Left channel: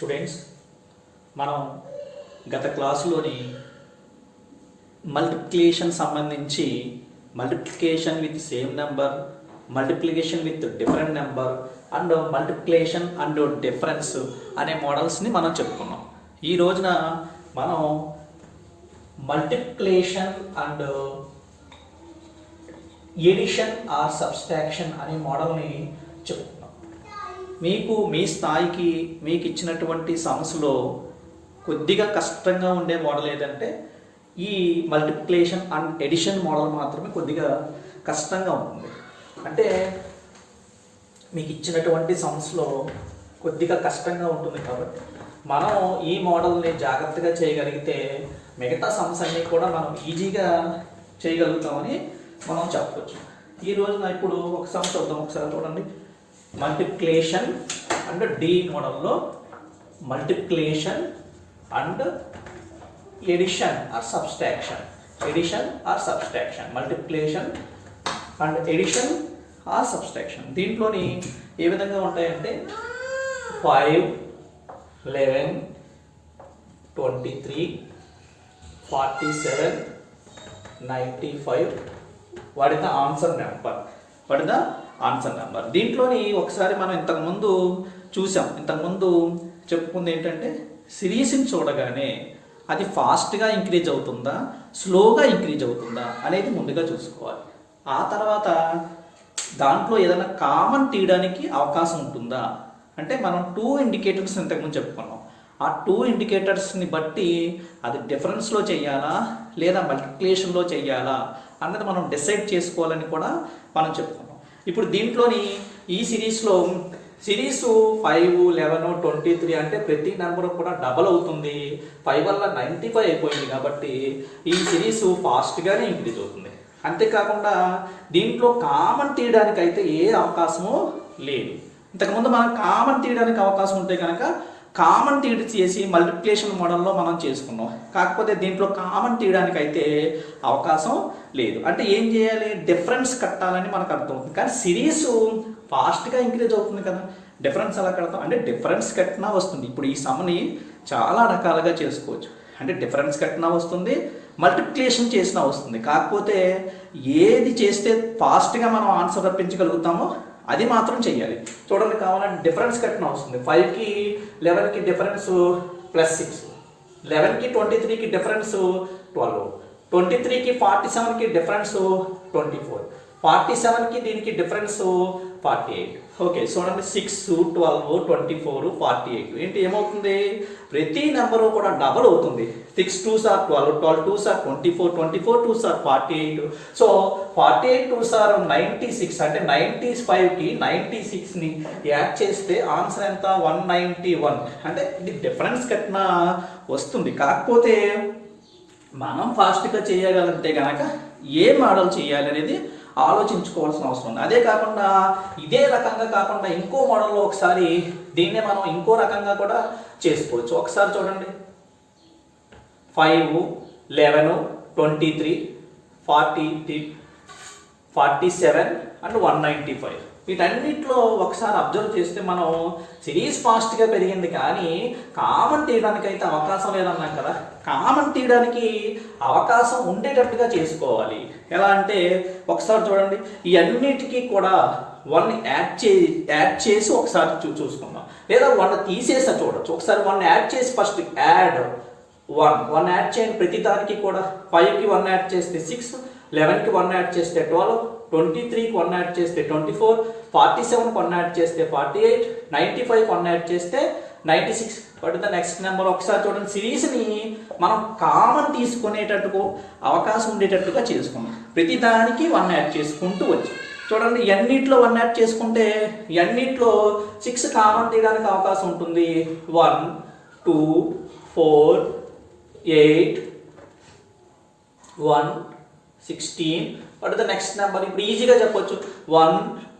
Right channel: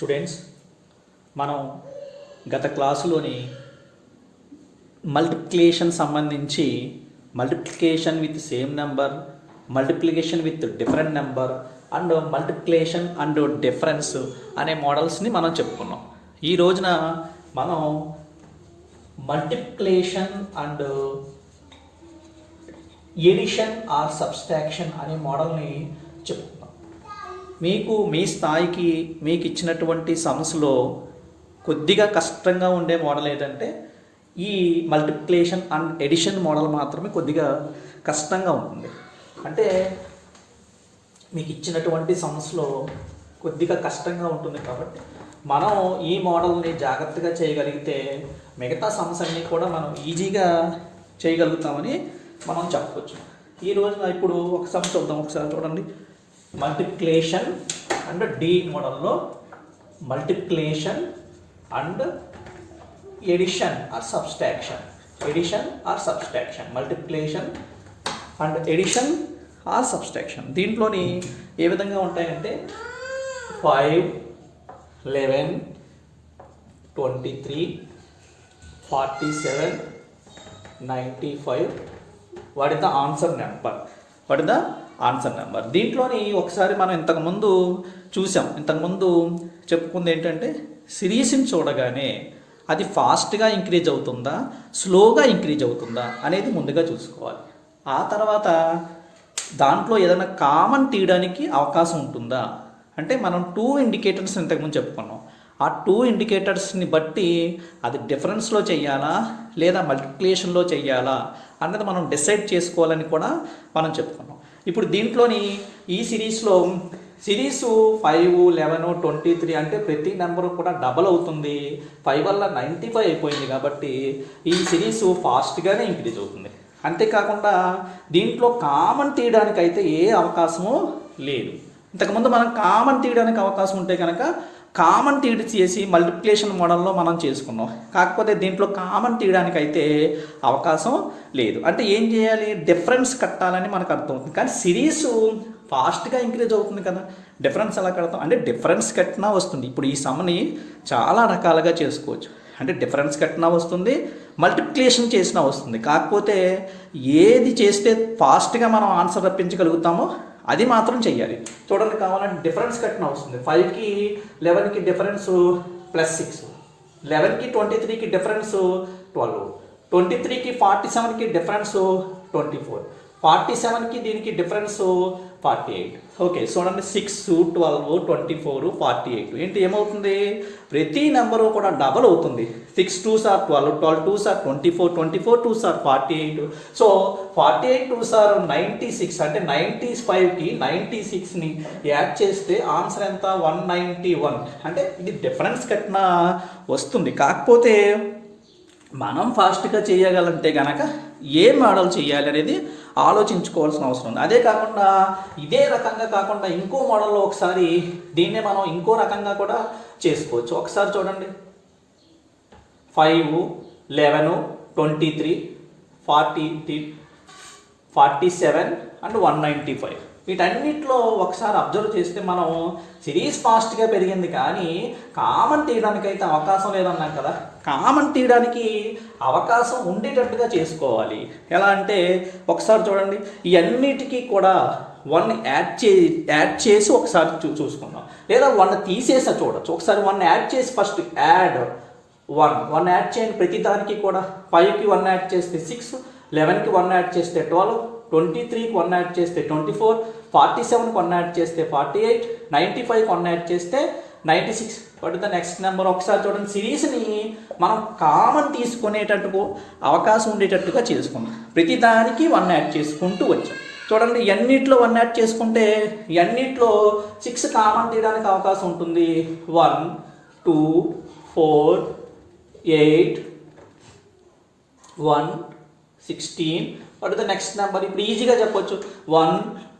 Students, మనం గత క్లాసులోని మల్టిప్లికేషన్ సంబంధించి multiplication with same number, multiplication with different number and multiplication and difference అనే మోడల్స్ని మనం చెప్పుకున్నాం. ఈ రోజున మనం multiplication and addition or subtraction అనే మోడల్ని చెప్పుకున్నాం. మీకు మీ స్థాయికి మీకు ఇచ్చినటువంటి సమస్యలో కొద్దిగా కష్టంగా ఉండే మోడల్ ఏంటంటే ఈ మల్టిప్లికేషన్ అండ్ ఎడిషన్ మోడల్ మాత్రమే కొద్దిగా కష్టంగా ఉంటుంది. అంటే మీకు ఇచ్చినటువంటి సమస్యలో కొద్దిగా కష్టంగా ఉంటుంది కాబట్టి మనం ఈ మోడల్ని జాగ్రత్తగా చేయగలిగితే మిగతా సమస్యల్ని కూడా మనం ఈజీగా చేయగలుగుతామని మనం చెప్పవచ్చు. ఈ రోజున ఇప్పుడు ఒక సమస్య చూద్దాం. ఒకసారి చూడండి. మల్టిప్లికేషన్ అండ్ డి మోడల్లో multiplication and addition or subtraction, addition or subtraction, multiplication and addition or subtraction. దీంట్లోని ఏ విధంగా ఉంటాయంటే 5, 11, 23, 47, 95 what is the answer number, what is the answer number. దీంట్లోని ఒకసారి మనం ఇంతకుముందు చూసాం. ఇంతకుముందు చెప్పుకుంది ఏంటంటే సిరీస్ని చూడగానే అది ఫాస్ట్గా ఇంక్రీజ్ అవుతుందా, స్లోగా ఇంక్రీజ్ అవుతుందా అనేది ముందుగా చూసుకోవాలి. ఆ తర్వాత దాంట్లో ఏదైనా కామన్ తీయడానికి అవకాశం ఉంటుందా అంటే మనం 2 ఇండికేటర్స్ ఇంతకుముందు చెప్పుకున్నాం. ఆ 2 ఇండికేటర్స్ని బట్టి అది డిఫరెన్స్లో చేయాలా లేదా మల్టిప్లికేషన్లో చేయాలా అన్నది మనం డిసైడ్ చేసుకోవాలని కూడా మనం చెప్పుకున్నాం. ఇప్పుడు దీంట్లోని ఈ సిరీస్లో సిరీస్ 5, 11, 23 అంటే ప్రతి నెంబర్ కూడా డబల్ అవుతుంది. 5 వల్ల 95 అయిపోయింది కాబట్టి ఈ సిరీస్ ఫాస్ట్గానే ఇంక్రీజ్ అవుతుంది. అంతేకాకుండా దీంట్లో కామన్ తీయడానికి అయితే ఏ అవకాశము లేదు. ఇంతకుముందు మనం కామన్ తీయడానికి అవకాశం ఉంటే కనుక కామన్ తీయడం చేసి మల్టిప్లికేషన్ మోడల్లో మనం చేసుకున్నాం. కాకపోతే దీంట్లో కామన్ తీయడానికి అయితే అవకాశం లేదు. అంటే ఏం చేయాలి, డిఫరెన్స్ కట్టాలని మనకు అర్థమవుతుంది. కానీ సిరీస్ ఫాస్ట్గా ఇంక్రీజ్ అవుతుంది కదా, డిఫరెన్స్ ఎలా కడతాం అంటే డిఫరెన్స్ కట్టినా వస్తుంది. ఇప్పుడు ఈ సమ్ని చాలా రకాలుగా చేసుకోవచ్చు. అంటే డిఫరెన్స్ కట్టినా వస్తుంది, మల్టిప్లికేషన్ చేసినా వస్తుంది. కాకపోతే ఏది చేస్తే ఫాస్ట్గా మనం ఆన్సర్ రప్పించగలుగుతామో అది మాత్రం చెయ్యాలి. చూడండి, కావాలంటే డిఫరెన్స్ కట్టిన వస్తుంది. 5కి 11కి డిఫరెన్స్ +6, 11కి 23కి డిఫరెన్స్ 12, 23కి 47కి డిఫరెన్స్ 24, 47కి దీనికి డిఫరెన్స్ 48. ఓకే, చూడండి 6, 12, 24, 48 ఏంటి ఏమవుతుంది, ప్రతి నెంబరు కూడా డబల్ అవుతుంది. 6 2s are 12, 12 2s are 24, 24 2s are 48. So 48 2s are 96. అంటే 95కి 96ని యాడ్ చేస్తే ఆన్సర్ ఎంత, 191. అంటే ఇది డిఫరెన్స్ కట్టినా వస్తుంది. కాకపోతే మనం ఫాస్ట్గా చేయగలంటే కనుక ఏ మోడల్ చేయాలి అనేది ఆలోచించుకోవాల్సిన అవసరం ఉంది. అదే కాకుండా ఇదే రకంగా కాకుండా ఇంకో మోడల్లో ఒకసారి దీన్నే మనం ఇంకో రకంగా కూడా చేసుకోవచ్చు. ఒకసారి చూడండి. 5, 11, 23, 47 అండ్ 195 వీటన్నిటిలో ఒకసారి అబ్జర్వ్ చేస్తే మనం సిరీస్ ఫాస్ట్గా పెరిగింది కానీ కామన్ తీయడానికి అయితే అవకాశం లేదన్నాం కదా. కామన్ తీయడానికి అవకాశం ఉండేటట్టుగా చేసుకోవాలి. ఎలా అంటే ఒకసారి చూడండి, ఈ అన్నిటికీ కూడా 1 యాడ్ చేసి ఒకసారి చూసుకుందాం, లేదా 1 తీసేసా చూడొచ్చు. ఒకసారి 1 యాడ్ చేసి ఫస్ట్ యాడ్ 1 యాడ్ చేయండి. ప్రతి దానికి కూడా 5కి 1 యాడ్ చేస్తే 6, 11కి 1 యాడ్ చేస్తే 12, 23కి 1 యాడ్ చేస్తే 24, 47కి 1 యాడ్ చేస్తే 48, 95కి 1 యాడ్ చేస్తే 96. What is the next number. ఒకసారి చూడండి, సిరీస్ని మనం కామన్ తీసుకునేటట్టుకు అవకాశం ఉండేటట్టుగా చేసుకున్నాం. ప్రతి దానికి 1 యాడ్ చేసుకుంటూ వచ్చాం. చూడండి, ఎన్నిట్లో 1 యాడ్ చేసుకుంటే ఎన్నిట్లో 6 కామన్ తీయడానికి అవకాశం ఉంటుంది. 1, 2, 4, 8, 1, 16. What is the next number. ఇప్పుడు ఈజీగా చెప్పొచ్చు. 1,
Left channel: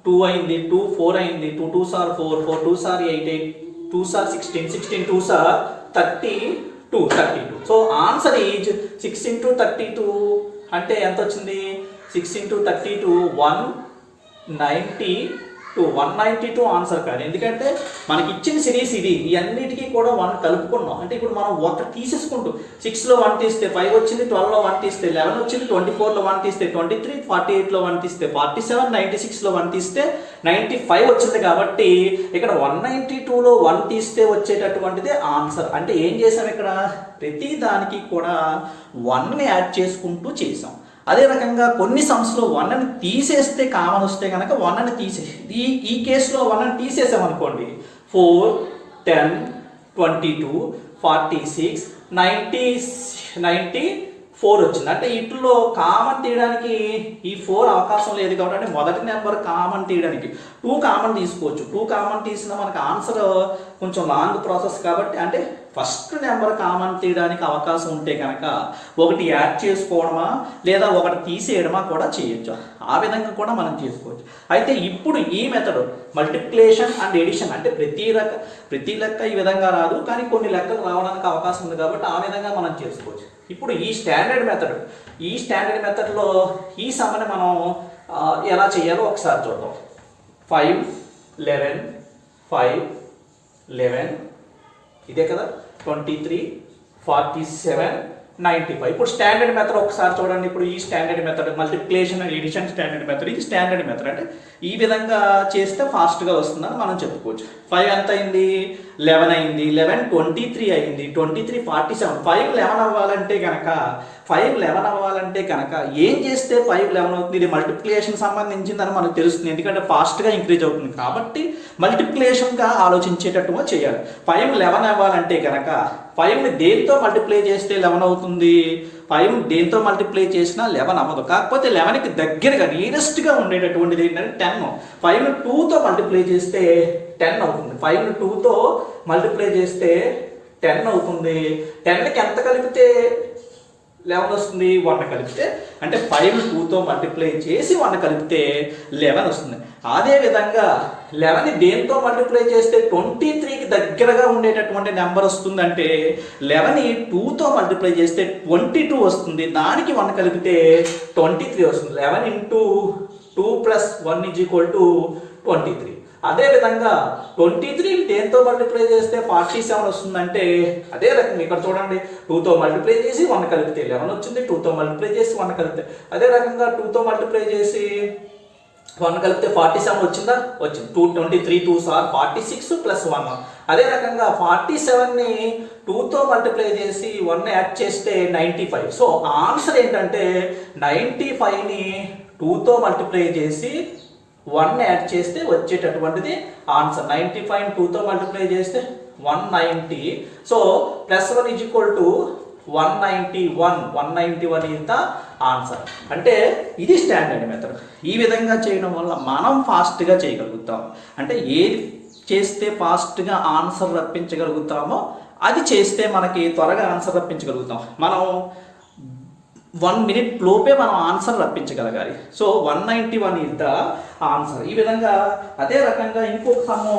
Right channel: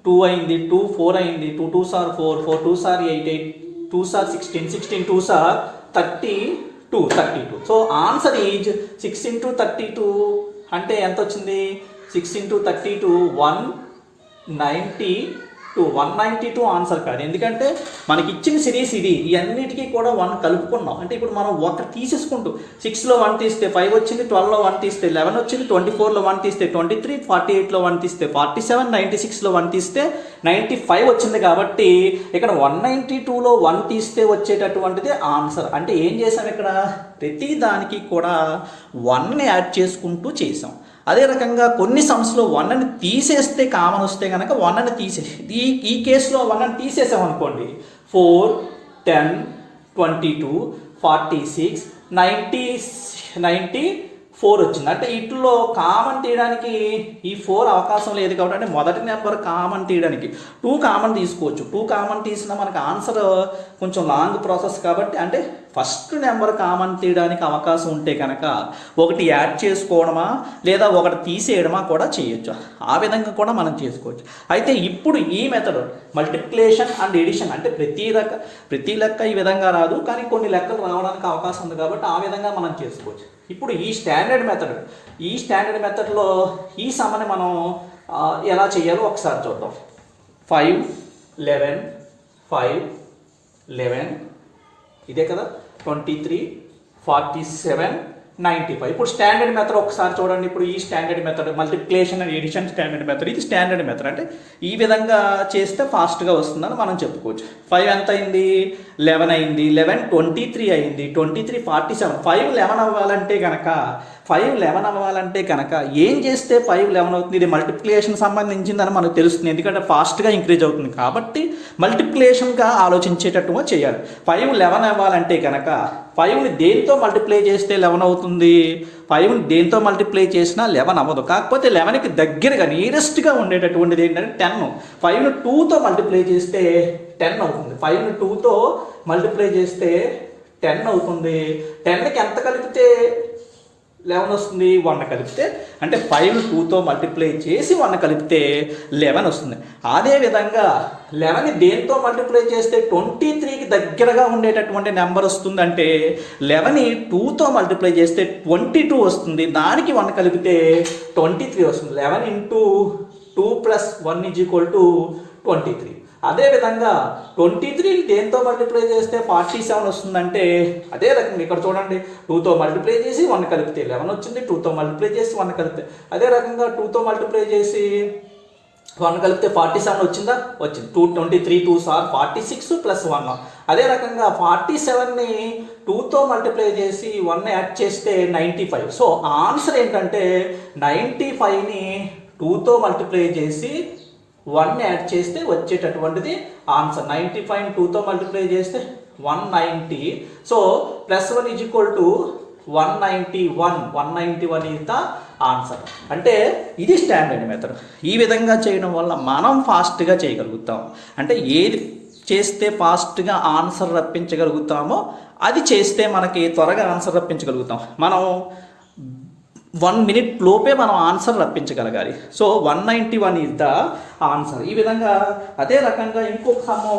2 అయింది, 2, 4 అయింది, 2 2s are 4, 4 2s are 8, 8 2s are 16, 16 2s are 32, 32. So answer is 6 into 32 అంటే ఎంత వచ్చింది, 6 into 32 192. 192 ఆన్సర్ కాదు, ఎందుకంటే మనకి ఇచ్చిన సిరీస్ ఇది, ఈ అన్నిటికీ కూడా 1 కలుపుకున్నాం. అంటే ఇప్పుడు మనం ఒకటి తీసేసుకుంటూ 6లో 1 తీస్తే 5 వచ్చింది, 12లో 1 తీస్తే 11 వచ్చింది, 24లో 1 తీస్తే 23, 48లో 1 తీస్తే 47, 96లో 1 తీస్తే 95 వచ్చింది. కాబట్టి ఇక్కడ 192లో 1 తీస్తే వచ్చేటటువంటిది ఆన్సర్. అంటే ఏం చేసాం ఇక్కడ, ప్రతి దానికి కూడా 1ని యాడ్ చేసుకుంటూ చేసాం. అదే రకంగా కొన్ని సమ్స్లో 1ని తీసేస్తే కామన్ వస్తే కనుక 1ని తీసేసి ఈ కేసులో 1ని తీసేసాం అనుకోండి, 4, 10, 22, 46, 94 వచ్చింది. అంటే వీటిలో కామన్ తీయడానికి ఈ 4 అవకాశం లేదు కాబట్టి మొదటి నెంబర్ కామన్ తీయడానికి 2 కామన్ తీసుకోవచ్చు. 2 కామన్ తీసినా మనకి ఆన్సర్ కొంచెం లాంగ్ ప్రాసెస్ కాబట్టి, అంటే ఫస్ట్ నెంబర్ కామన్ తీయడానికి అవకాశం ఉంటే కనుక ఒకటి యాడ్ చేసుకోవడమా లేదా ఒకటి తీసేయడమా కూడా చేయొచ్చు. ఆ విధంగా కూడా మనం చేసుకోవచ్చు. అయితే ఇప్పుడు ఈ మెథడ్ మల్టిప్లికేషన్ అండ్ ఎడిషన్, అంటే ప్రతి లెక్క ఈ విధంగా రాదు, కానీ కొన్ని లెక్కలు రావడానికి అవకాశం ఉంది కాబట్టి ఆ విధంగా మనం చేసుకోవచ్చు. ఇప్పుడు ఈ స్టాండర్డ్ మెథడ్లో ఈ సమ్మని మనం ఎలా చేయాలో ఒకసారి చూద్దాం. 5, 11, 5, 11 ఇదే కదా, 23, 47, 95. ఇప్పుడు స్టాండర్డ్ మెథడ్ ఒకసారి చూడండి. ఇప్పుడు ఈ standard method multiplication and addition standard method, ఇది స్టాండర్డ్ మెథడ్. అంటే ఈ విధంగా చేస్తే ఫాస్ట్గా వస్తుందని మనం చెప్పుకోవచ్చు. 5 ఎంత అయింది, 11 అయింది, 11 23 అయింది, 23 47. 5 11 అవ్వాలంటే కనుక ఏం చేస్తే 5 11 అవుతుంది? ఇది మల్టిప్లికేషన్ సంబంధించిందని మనకు తెలుస్తుంది, ఎందుకంటే ఫాస్ట్గా ఇంక్రీజ్ అవుతుంది కాబట్టి మల్టిప్లికేషన్గా ఆలోచించేటట్టుగా చేయాలి. 5 11 అవ్వాలంటే కనుక 5ని దేంతో మల్టిప్లై చేస్తే 11 అవుతుంది? 5ని దేంతో మల్టిప్లై చేసినా 11 అవ్వదు. కాకపోతే 11కి దగ్గరగా నియరెస్ట్గా ఉండేటటువంటిది ఏంటంటే 10. 5ని 2తో మల్టిప్లై చేస్తే 10 అవుతుంది. 5ని 2తో మల్టిప్లై చేస్తే 10 అవుతుంది. 10కి ఎంత కలిపితే 11 వస్తుంది? 1 కలిపితే, అంటే 5ని 2తో మల్టిప్లై చేసి 1 కలిపితే 11 వస్తుంది. అదేవిధంగా 11ని దేంతో మల్టిప్లై చేస్తే 23కి దగ్గరగా ఉండేటటువంటి నెంబర్ వస్తుందంటే 11ని 2తో మల్టిప్లై చేస్తే 22 వస్తుంది. దానికి 1 కలిపితే 23 వస్తుంది. 11 into 2 plus 1 is equal to 23. అదేవిధంగా 23 దేంతో మల్టిప్లై చేస్తే 47 వస్తుందంటే అదే రకంగా ఇక్కడ చూడండి, 2తో మల్టిప్లై చేసి 1 కలిపితే 11 వచ్చింది, 2తో మల్టిప్లై చేసి 1 కలిపితే, అదే రకంగా 2తో మల్టిప్లై చేసి 1 కలిపితే 47 వచ్చిందా? వచ్చింది. 23 2s are 46 plus 1. అదే రకంగా 47ని 2తో మల్టిప్లై చేసి 1 యాడ్ చేస్తే 95. సో ఆన్సర్ ఏంటంటే 95ని 2తో మల్టిప్లై చేసి 1 యాడ్ చేస్తే వచ్చేటటువంటిది ఆన్సర్. 95 2తో మల్టిప్లై చేస్తే 190. So +1 is equal to 191. 191 is the answer. అంటే ఇది స్టాండర్డ్ మెథడ్. ఈ విధంగా చేయడం వల్ల మనం ఫాస్ట్గా చేయగలుగుతాం. అంటే ఏది చేస్తే ఫాస్ట్గా ఆన్సర్ రప్పించగలుగుతామో అది చేస్తే మనకి త్వరగా ఆన్సర్ రప్పించగలుగుతాం. మనం 1 minute లోపే మనం ఆన్సర్ రప్పించగలగాలి. So 191 is the answer. ఈ విధంగా అదే రకంగా ఇంకొక సమ్ము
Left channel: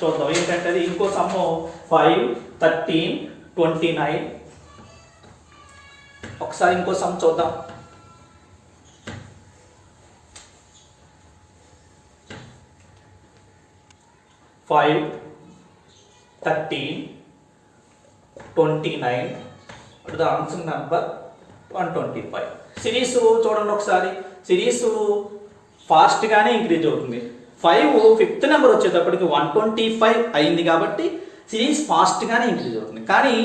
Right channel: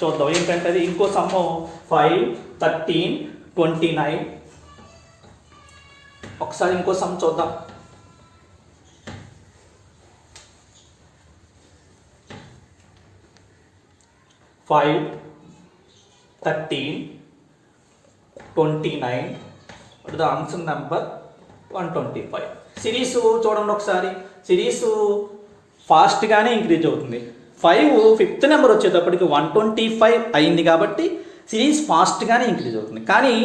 చూద్దాం. ఏంటంటే అది ఇంకో సమ్ము 5, 13, 29. ఒకసారి ఇంకో సమ్ చూద్దాం. 5, 13, 29. What is the answer number? 125. Series చూడండి ఒకసారి. సిరీస్ ఫాస్ట్గానే ఇంక్రీజ్ అవుతుంది. 5 5th నెంబర్ వచ్చేటప్పటికి 125 అయింది కాబట్టి సిరీస్ ఫాస్ట్గానే ఇంక్రీజ్ అవుతుంది. కానీ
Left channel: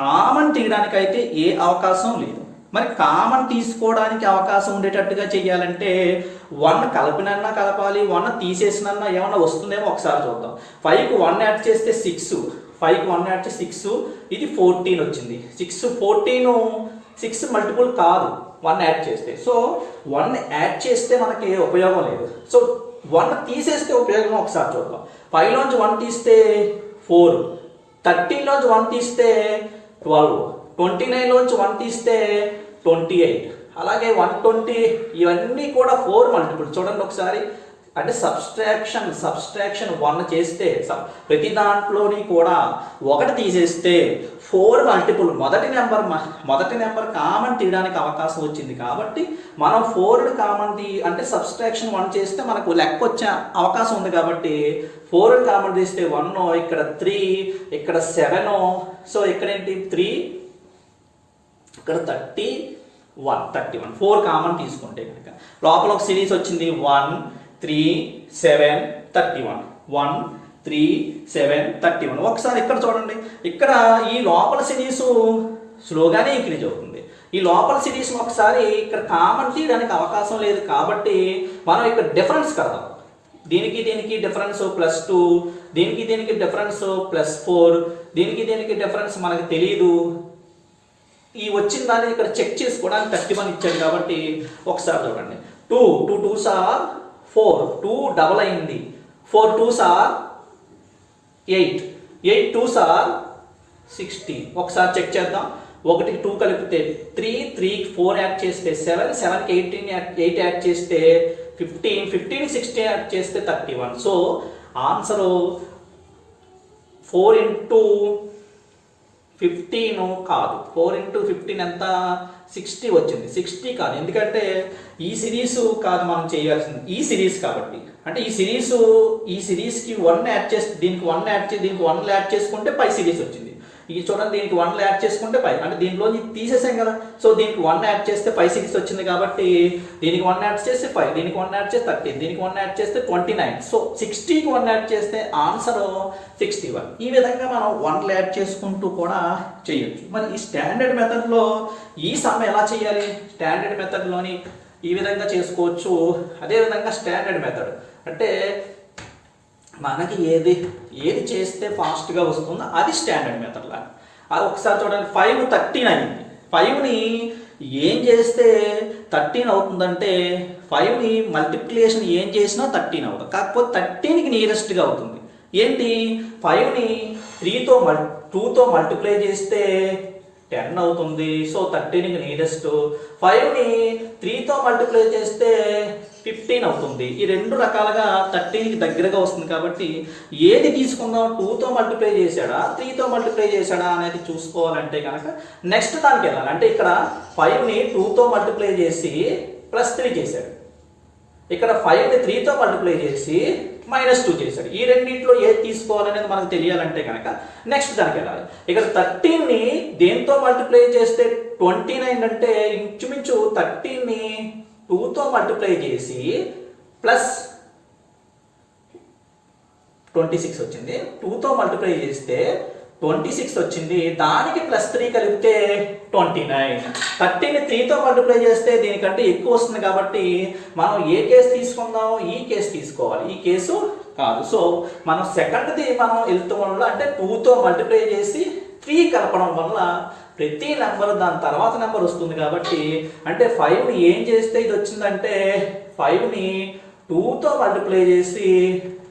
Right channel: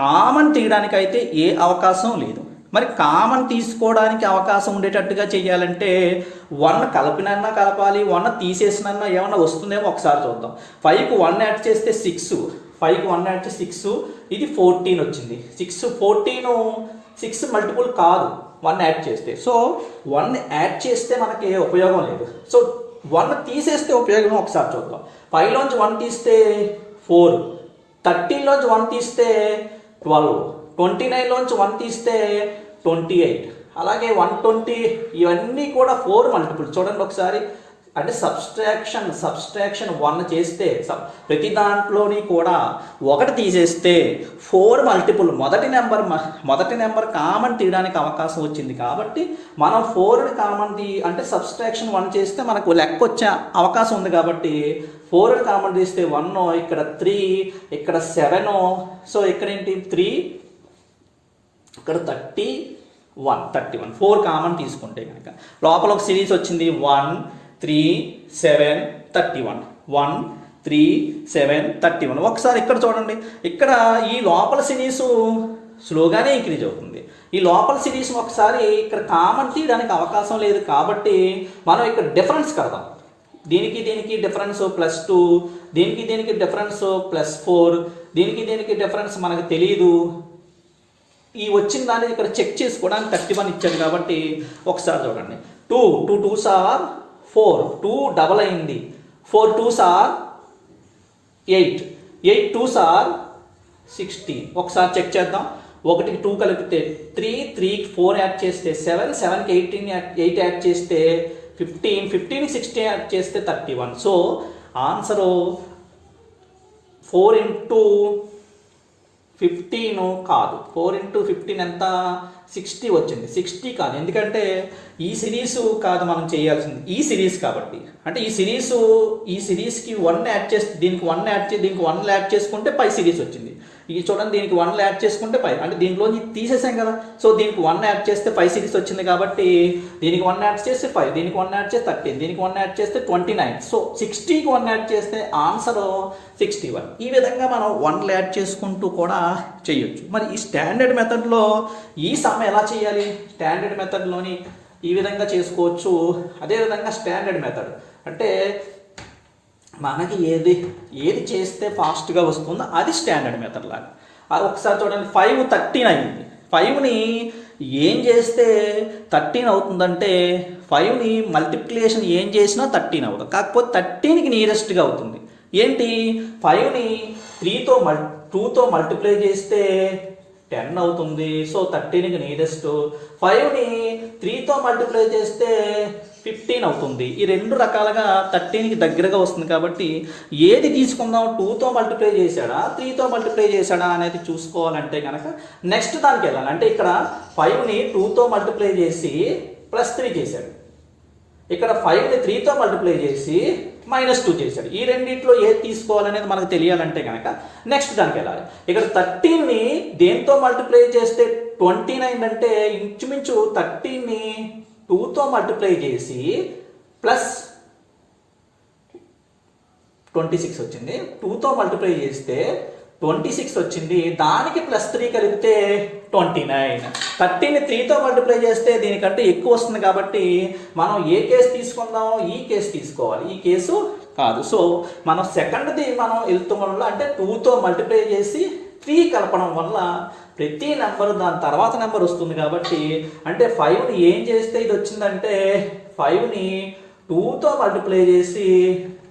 కామన్ తీయడానికి అయితే ఏ అవకాశం లేదు. మరి కామన్ తీసుకోవడానికి అవకాశం ఉండేటట్టుగా చేయాలంటే 1 కలిపినన్నా కలపాలి, 1 తీసేసినన్నా ఏమన్నా వస్తుందేమో ఒకసారి చూద్దాం. 5కి 1 యాడ్ చేస్తే 6, 5కి 1 యాడ్ చేస్తే 6, ఇది 14 వచ్చింది. 6 14 6 మల్టిపుల్ కాదు 1 యాడ్ చేస్తే. సో 1 యాడ్ చేస్తే మనకి ఉపయోగం లేదు. సో 1 తీసేస్తే ఉపయోగం ఒకసారి చూద్దాం. 5లోంచి 1 తీస్తే 4, 13లోంచి 1 తీస్తే 12, 29లోంచి 1 తీస్తే 28, అలాగే 120. ఇవన్నీ కూడా 4 మల్టిపుల్. చూడండి ఒకసారి, అంటే సబ్స్ట్రాక్షన్ 1 చేస్తే ప్రతి దాంట్లోని కూడా 1 తీసేస్తే 4 మల్టిపుల్ మొదటి నెంబర్ కామన్ తీయడానికి అవకాశం వచ్చింది కాబట్టి మనం 4ని కామన్ అంటే సబ్స్ట్రాక్షన్ 1 చేస్తే మనకు లెక్క వచ్చే అవకాశం ఉంది కాబట్టి 4ని కామన్ తీస్తే 1, ఇక్కడ 3, ఇక్కడ 7, సో ఇక్కడ ఏంటి 3, ఇక్కడ 31 4 కామన్ తీసుకుంటే కనుక లోపల ఒక సిరీస్ వచ్చింది 1 3 7 31 1 3 7 31. ఒకసారి ఇక్కడ చూడండి, ఇక్కడ ఈ లోపల సిరీస్ స్లోగానే ఇంక్రీజ్ అవుతుంది. ఈ లోపల సిరీస్ ఒకసారి ఇక్కడ కామన్ తీయడానికి అవకాశం లేదు కాబట్టి మనం ఇక్కడ డిఫరెన్స్ కడదాం. దీనికి డిఫరెన్స్ +2, దీనికి డిఫరెన్స్ +4, దీనికి డిఫరెన్స్ మనకు తెలియదు. ఈ వచ్చిన దాన్ని ఇక్కడ చెక్ చేసుకోవడానికి 31 ఇచ్చాడు కాబట్టి ఒకసారి చూడండి. 2 2s are 4, 2 డబల్ అయింది, 4 2s are 8, 8 2s are 16. ఒకసారి చెక్ చేద్దాం. 1కి 2 కలిపితే 3, 3కి 4 యాడ్ చేస్తే 7, 7కి 8 యాడ్ చేస్తే 15, 15కి 16 యాడ్ చేస్తే 31. సో ఆన్సరు 4 into 15 కాదు, 4 into 15 ఎంత 60 వచ్చింది. 60 కాదు, ఎందుకంటే ఈ సిరీస్ కాదు మనం చేయాల్సింది, ఈ సిరీస్ కాబట్టి. అంటే ఈ సిరీస్కి 1 యాడ్ చేస్తే దీనికి 1 యాడ్ చేసి దీనికి 1 యాడ్ చేసుకుంటే పై సిరీస్ వచ్చింది. ఇది చూడండి, దీనికి 1 యాడ్ చేసుకుంటే పై, అంటే దీంట్లో తీసేసాం కదా. సో దీనికి 1 యాడ్ చేస్తే పై సిరీస్ వచ్చింది కాబట్టి దీనికి 1 యాడ్ చేస్తే 5, దీనికి 1 యాడ్ చేస్తే 13, దీనికి 1 యాడ్ చేస్తే 29. సో 60కి 1 యాడ్ చేస్తే ఆన్సర్ 61. ఈ విధంగా మనం 1 యాడ్ చేసుకుంటూ కూడా చేయొచ్చు. మరి ఈ స్టాండర్డ్ మెథడ్లో ఈ సమ్ ఎలా చేయాలి? స్టాండర్డ్ మెథడ్లోని ఈ విధంగా చేసుకోవచ్చు. అదేవిధంగా స్టాండర్డ్ మెథడ్ అంటే మనకి ఏది చేస్తే ఫాస్ట్గా వస్తుందో అది స్టాండర్డ్ మెథడ్ లాగా. అది ఒకసారి చూడండి, 5 13 అయింది. 5ని ఏం చేస్తే 13 అవుతుందంటే 5ని మల్టిప్లికేషన్ ఏం చేసినా 13 అవుతుంది. కాకపోతే 13కి నియరెస్ట్గా అవుతుంది. ఏంటి? 5ని 2తో మల్టిప్లై చేస్తే 10 అవుతుంది. సో 13కి నియరెస్ట్. 5ని 3తో మల్టిప్లై చేస్తే 15 అవుతుంది. ఈ రెండు రకాలుగా 13కి దగ్గరగా వస్తుంది కాబట్టి ఏది తీసుకుందాం? 2తో మల్టిప్లై చేశాడా 3తో మల్టిప్లై చేశాడా అనేది చూసుకోవాలంటే కనుక నెక్స్ట్ దానికి వెళ్ళాలి. అంటే ఇక్కడ 5ని 2తో మల్టిప్లై చేసి +3 చేశాడు, ఇక్కడ 5ని 3తో మల్టిప్లై చేసి -2 చేశాడు. ఈ రెండింటిలో ఏది తీసుకోవాలనేది మనకు తెలియాలంటే కనుక నెక్స్ట్ దానికి వెళ్ళాలి. ఇక్కడ 13ని దేంతో మల్టిప్లై చేస్తే 29 అంటే ఇంచుమించు 13ని 2తో మల్టిప్లై చేసి +26 వచ్చింది. 2తో మల్టిప్లై చేస్తే 26 వచ్చింది. దానికి +3 కలిపితే 29. 13ని 3తో మల్టిప్లై చేస్తే దీనికంటే ఎక్కువ వస్తుంది కాబట్టి మనం ఏ కేసు తీసుకుందాం? ఈ కేసు తీసుకోవాలి, ఈ కేసు కాదు. సో మనం సెకండ్ది మనం వెళ్తాం వల్ల అంటే 2తో మల్టిప్లై చేసి 3 కలపడం వల్ల ప్రతి నెంబర్ దాని తర్వాత నెంబర్ వస్తుంది కాబట్టి అంటే 5ని ఏం చేస్తే ఇది వచ్చిందంటే 5ని 2తో మల్టిప్లై చేసి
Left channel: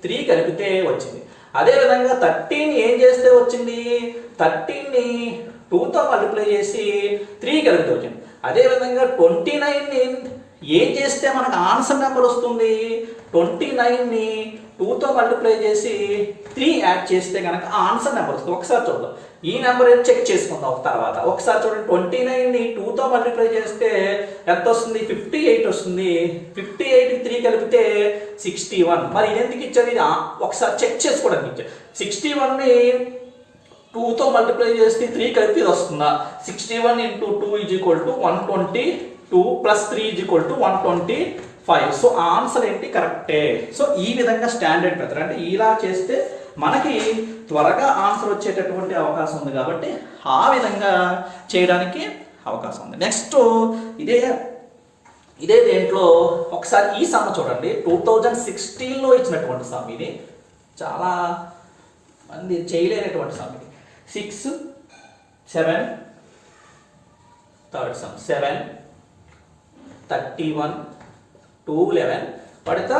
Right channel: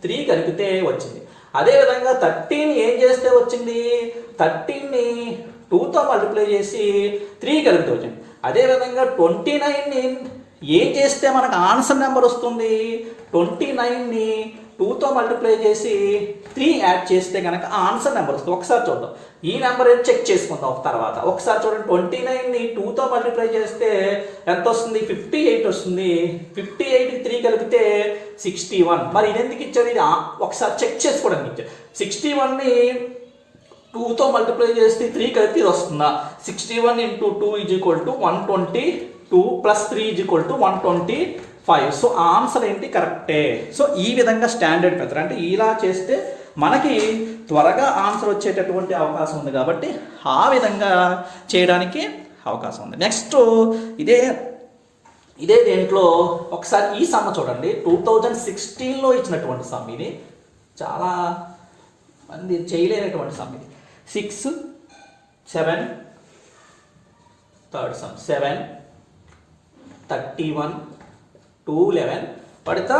3 కలిపితే వచ్చింది. అదేవిధంగా 13 ఏం చేస్తే వచ్చింది? 13ని 2తో మల్టిప్లై చేసి 3 కలిపితే వచ్చింది. అదేవిధంగా 29ని ఏం చేస్తే మనకు ఆన్సర్ నెంబర్ వస్తుంది? 29ని 2తో మల్టిప్లై చేసి 3 యాడ్ చేస్తే కనుక ఆన్సర్ నెంబర్ వస్తుంది. ఒకసారి చూద్దాం, ఈ నెంబర్ ఏం చెక్ చేసుకుందాం తర్వాత. ఒకసారి చూడండి, 29ని 2తో మల్టిప్లై చేస్తే ఎంత వస్తుంది? 58 వస్తుంది. 58కి 3 కలిపితే 61. మరి ఇది ఎందుకు ఇచ్చారు? ఇది ఒకసారి చెక్ చేసుకోవడానికి ఇచ్చారు. 61ని 2తో మల్టిప్లై చేస్తే 3 కలిపి ఇది వస్తుందా? 61 × 2 = 122 + 3 = 125. సో ఆన్సర్ ఏంటి? కరెక్టే. సో ఈ విధంగా స్టాండర్డ్ మెథడ్ అంటే ఇలా చేస్తే మనకి త్వరగా ఆన్సర్ వచ్చేటటువంటి అవకాశం ఉంది కాబట్టి ఆ విధంగా చేయడానికి అవకాశం ఉంది. నెక్స్ట్ ఇదే దేంట్లో ఒకసారి ఈ సమ్ చూడండి. 2016లో ఇచ్చినటువంటి సమ్ ఇది. చాలా మంది చేయలేనటువంటి సమ్ ఇది. 6 7 థర్డ్ సమ్ 7 31 2 11 పడితే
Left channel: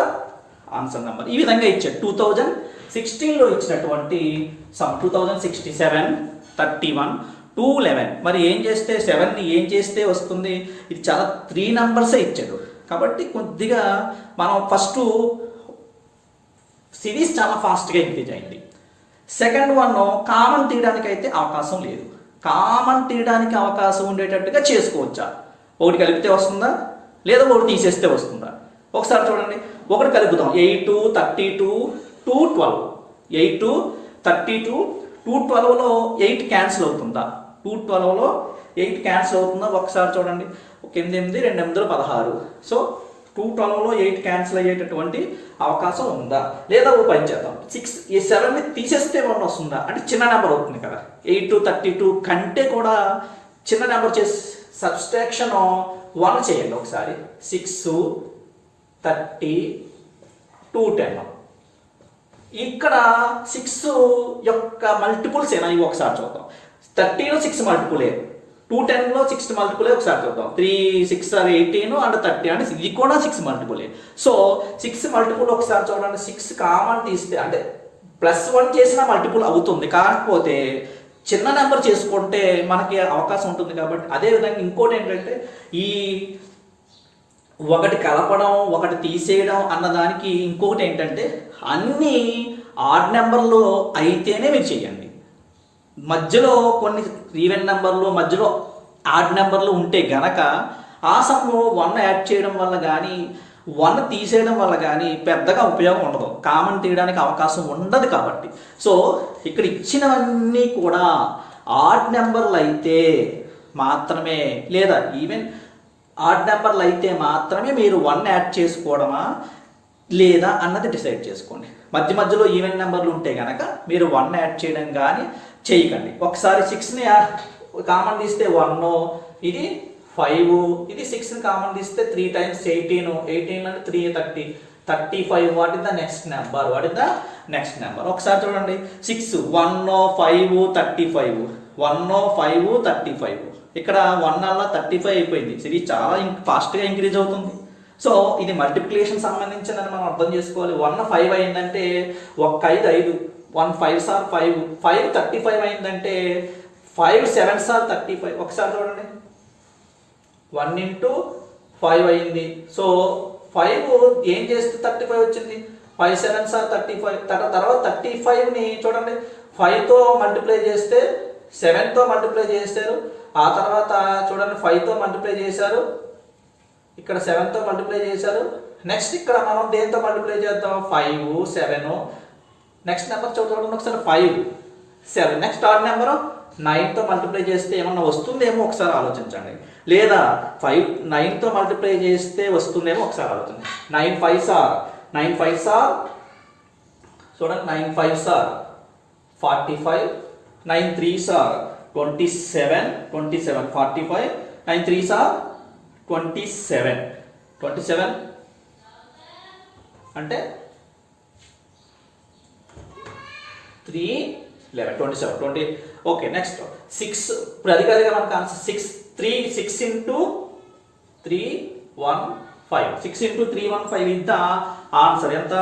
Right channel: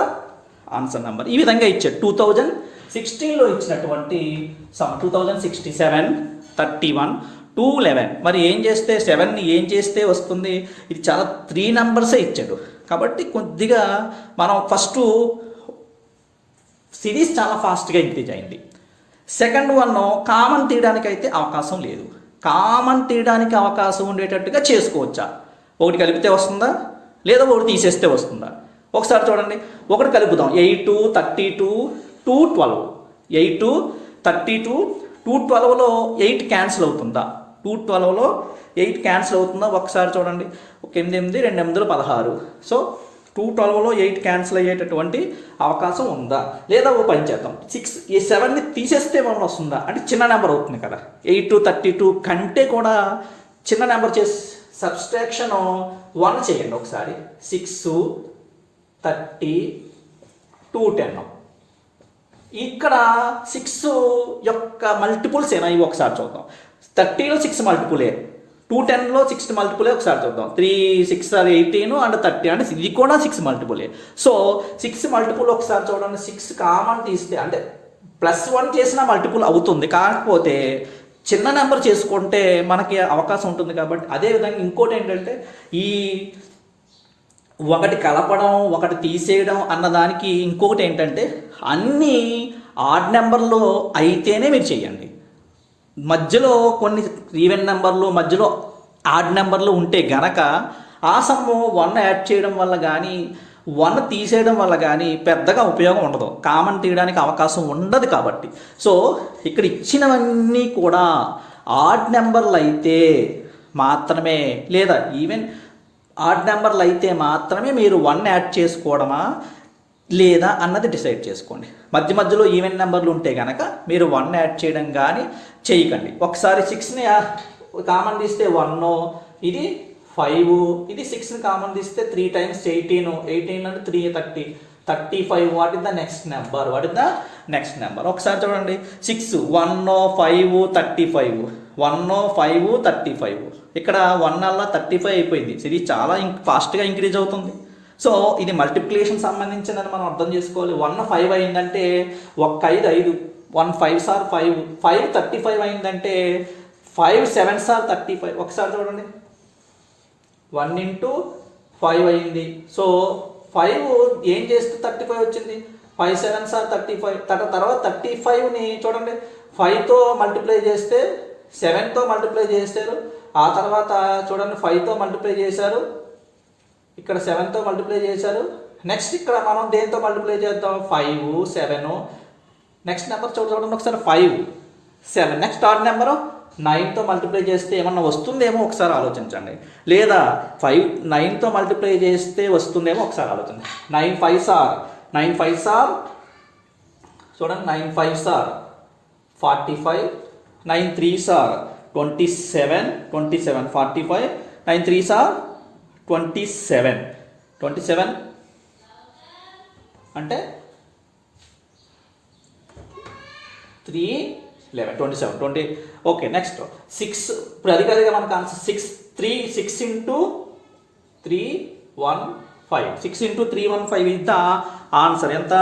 ఆన్సర్ నెంబర్ ఈ విధంగా ఇచ్చాడు. 2016లో ఇచ్చినటువంటి సమ్ 2067 31 2 11. మరి ఏం చేస్తే 7ని ఏం చేస్తే వస్తుంది? ఇది చాలా 3 నెంబర్సే ఇచ్చాడు కాబట్టి కొద్దిగా మనం ఫస్ట్ సిరీస్ చాలా ఫాస్ట్గా ఇంక్రీజ్ అయింది. సెకండ్ వన్ కామన్ తీయడానికి అయితే అవకాశం లేదు. కామన్ తీయడానికి అవకాశం ఉండేటట్టుగా చేసుకోవచ్చా? ఒకటి కలిపితే వస్తుందా, లేదా ఒకటి తీసేస్తే వస్తుందా? ఒకసారి చూడండి, ఒకటి కలుపుదాం. 8 32 212. 8 32 212లో 8 క్యాన్సిల్ అవుతుందా? 212లో 8 క్యాన్సిల్ అవుతుందా? ఒకసారి చూడండి. 8 8 2 8 16. సో 212లో 8 క్యాన్సిల్ అయ్యేటటువంటి అవకాశం ఉందా? లేదా ఓ పని చేద్దాం, 7ని తీసేస్తే 1 వస్తుందా? అంటే చిన్న నెంబర్ అవుతుంది కదా. 8 32 కంటే కూడా చిన్న నెంబర్ చేసి సబ్స్ట్రాక్షన్ 1 చేయండి ఒకసారి. 6 30 210. ఇక్కడ 6 యొక్క మల్టిపుల్స్ ఏనా ఇవి ఒకసారి చూద్దాం. 30లో 6 మల్టిపులే, 210లో 6 మల్టిపులే ఒకసారి చూద్దాం. 3 6 18 అండ్ 30 అంటే ఇది కూడా 6 మల్టిపులే. సో 6 మల్టిపుల్ ఒకసారి చూడండి. 6 కామన్ తీస్తే అంటే +1 చేసిన మల్టిపుల్ అవుతుంది, కాకపోతే చిన్న నెంబర్ చేసుకుంటే మనకి అవకాశం ఉంటుంది కాబట్టి. అదేవిధంగా ఇంకోటి ఏంటంటే, ఈ ఒకటి కలపడం ఒకటి తీసేయడం అన్నదానికి ఇంకొకటి ఏంటంటే, అన్నీ ఆడ్ నెంబర్లు అయితేనే మీరు చేయండి. మధ్యలో కొన్ని ఈవెన్ నెంబర్లు మధ్యలో ఆడ్ నెంబర్లు ఉంటే గనక ఆ సమయంలో 1 యాడ్ చేయడం వల్ల కానీ 1 తీసేయడం వల్ల కానీ పెద్దగా ఉపయోగం ఉండదు, కామన్ తీయడానికి అవకాశం ఉండదు కాబట్టి. సో ఇక్కడ ఇచ్చినవన్నీ కూడా ఆడ్ నెంబర్లు అయితే మాత్రమే, లేదా ఈవెన్ ఆడ్ నెంబర్లు అయితే మాత్రమే మీరు 1 యాడ్ చేసుకోవడమా లేదా అన్నది డిసైడ్ చేసుకోండి. మధ్యలో ఈవెన్ నెంబర్లు ఉంటే కనుక మీరు 1 యాడ్ చేయడం కానీ చేయకండి. ఒకసారి 6ని కామన్ తీస్తే 1, ఇది 5, ఇది 6ని కామన్ తీస్తే 3 times 18, 18 అంటే 3 30, 35. What is the next number? ఒకసారి చూడండి. 6 1 5 35, 1 5 35. ఇక్కడ 1 అలా 35 అయిపోయింది. సిరీస్ చాలా ఫాస్ట్గా ఇంక్రీజ్ అవుతుంది. సో ఇది మల్టిప్లికేషన్ సంబంధించిందని మనం అర్థం చేసుకోవాలి. 1 5 అయిందంటే 1 5 5, 1 5 సార్ 5, 5 35 అయిందంటే 5 7 సార్ 35. ఒకసారి చూడండి, 1 into 5 అయింది. సో 5 ఏం చేస్తే 35 వచ్చింది? 5 7 సార్ 35. తర్వాత 35ని చూడండి, 5తో మల్టిప్లై చేస్తే 7తో మల్టిప్లై చేశారు. ఆ తర్వాత చూడండి 5తో మల్టిప్లై చేశారు, ఇక్కడ 7తో మల్టిప్లై చేశారు. నెక్స్ట్ ఇక్కడ మనం దేంతో మల్టిప్లై చేద్దాం? 5 7. నెక్స్ట్ నెంబర్ చూడండి ఒకసారి, 5 7. నెక్స్ట్ ఆడ్ నెంబర్ 9తో మల్టిప్లై చేస్తే ఏమన్నా వస్తుందేమో ఒకసారి ఆలోచించండి. లేదా 9తో మల్టిప్లై చేస్తే వస్తుందేమో ఒకసారి ఆలోచించండి. 9 5 సార్ 9 5 సార్ చూడండి, 9 5 సార్ 45, 9 3 సార్ 27 45, 9 3 సార్ 27 అంటే 3 11 27 20. Okay, next 6. ఇప్పుడు అది కాదుగా మనకు ఆన్సర్. 6 into 3 1 5. 6 into 3 1 5 ఇంత ఆన్సర్ ఎంత?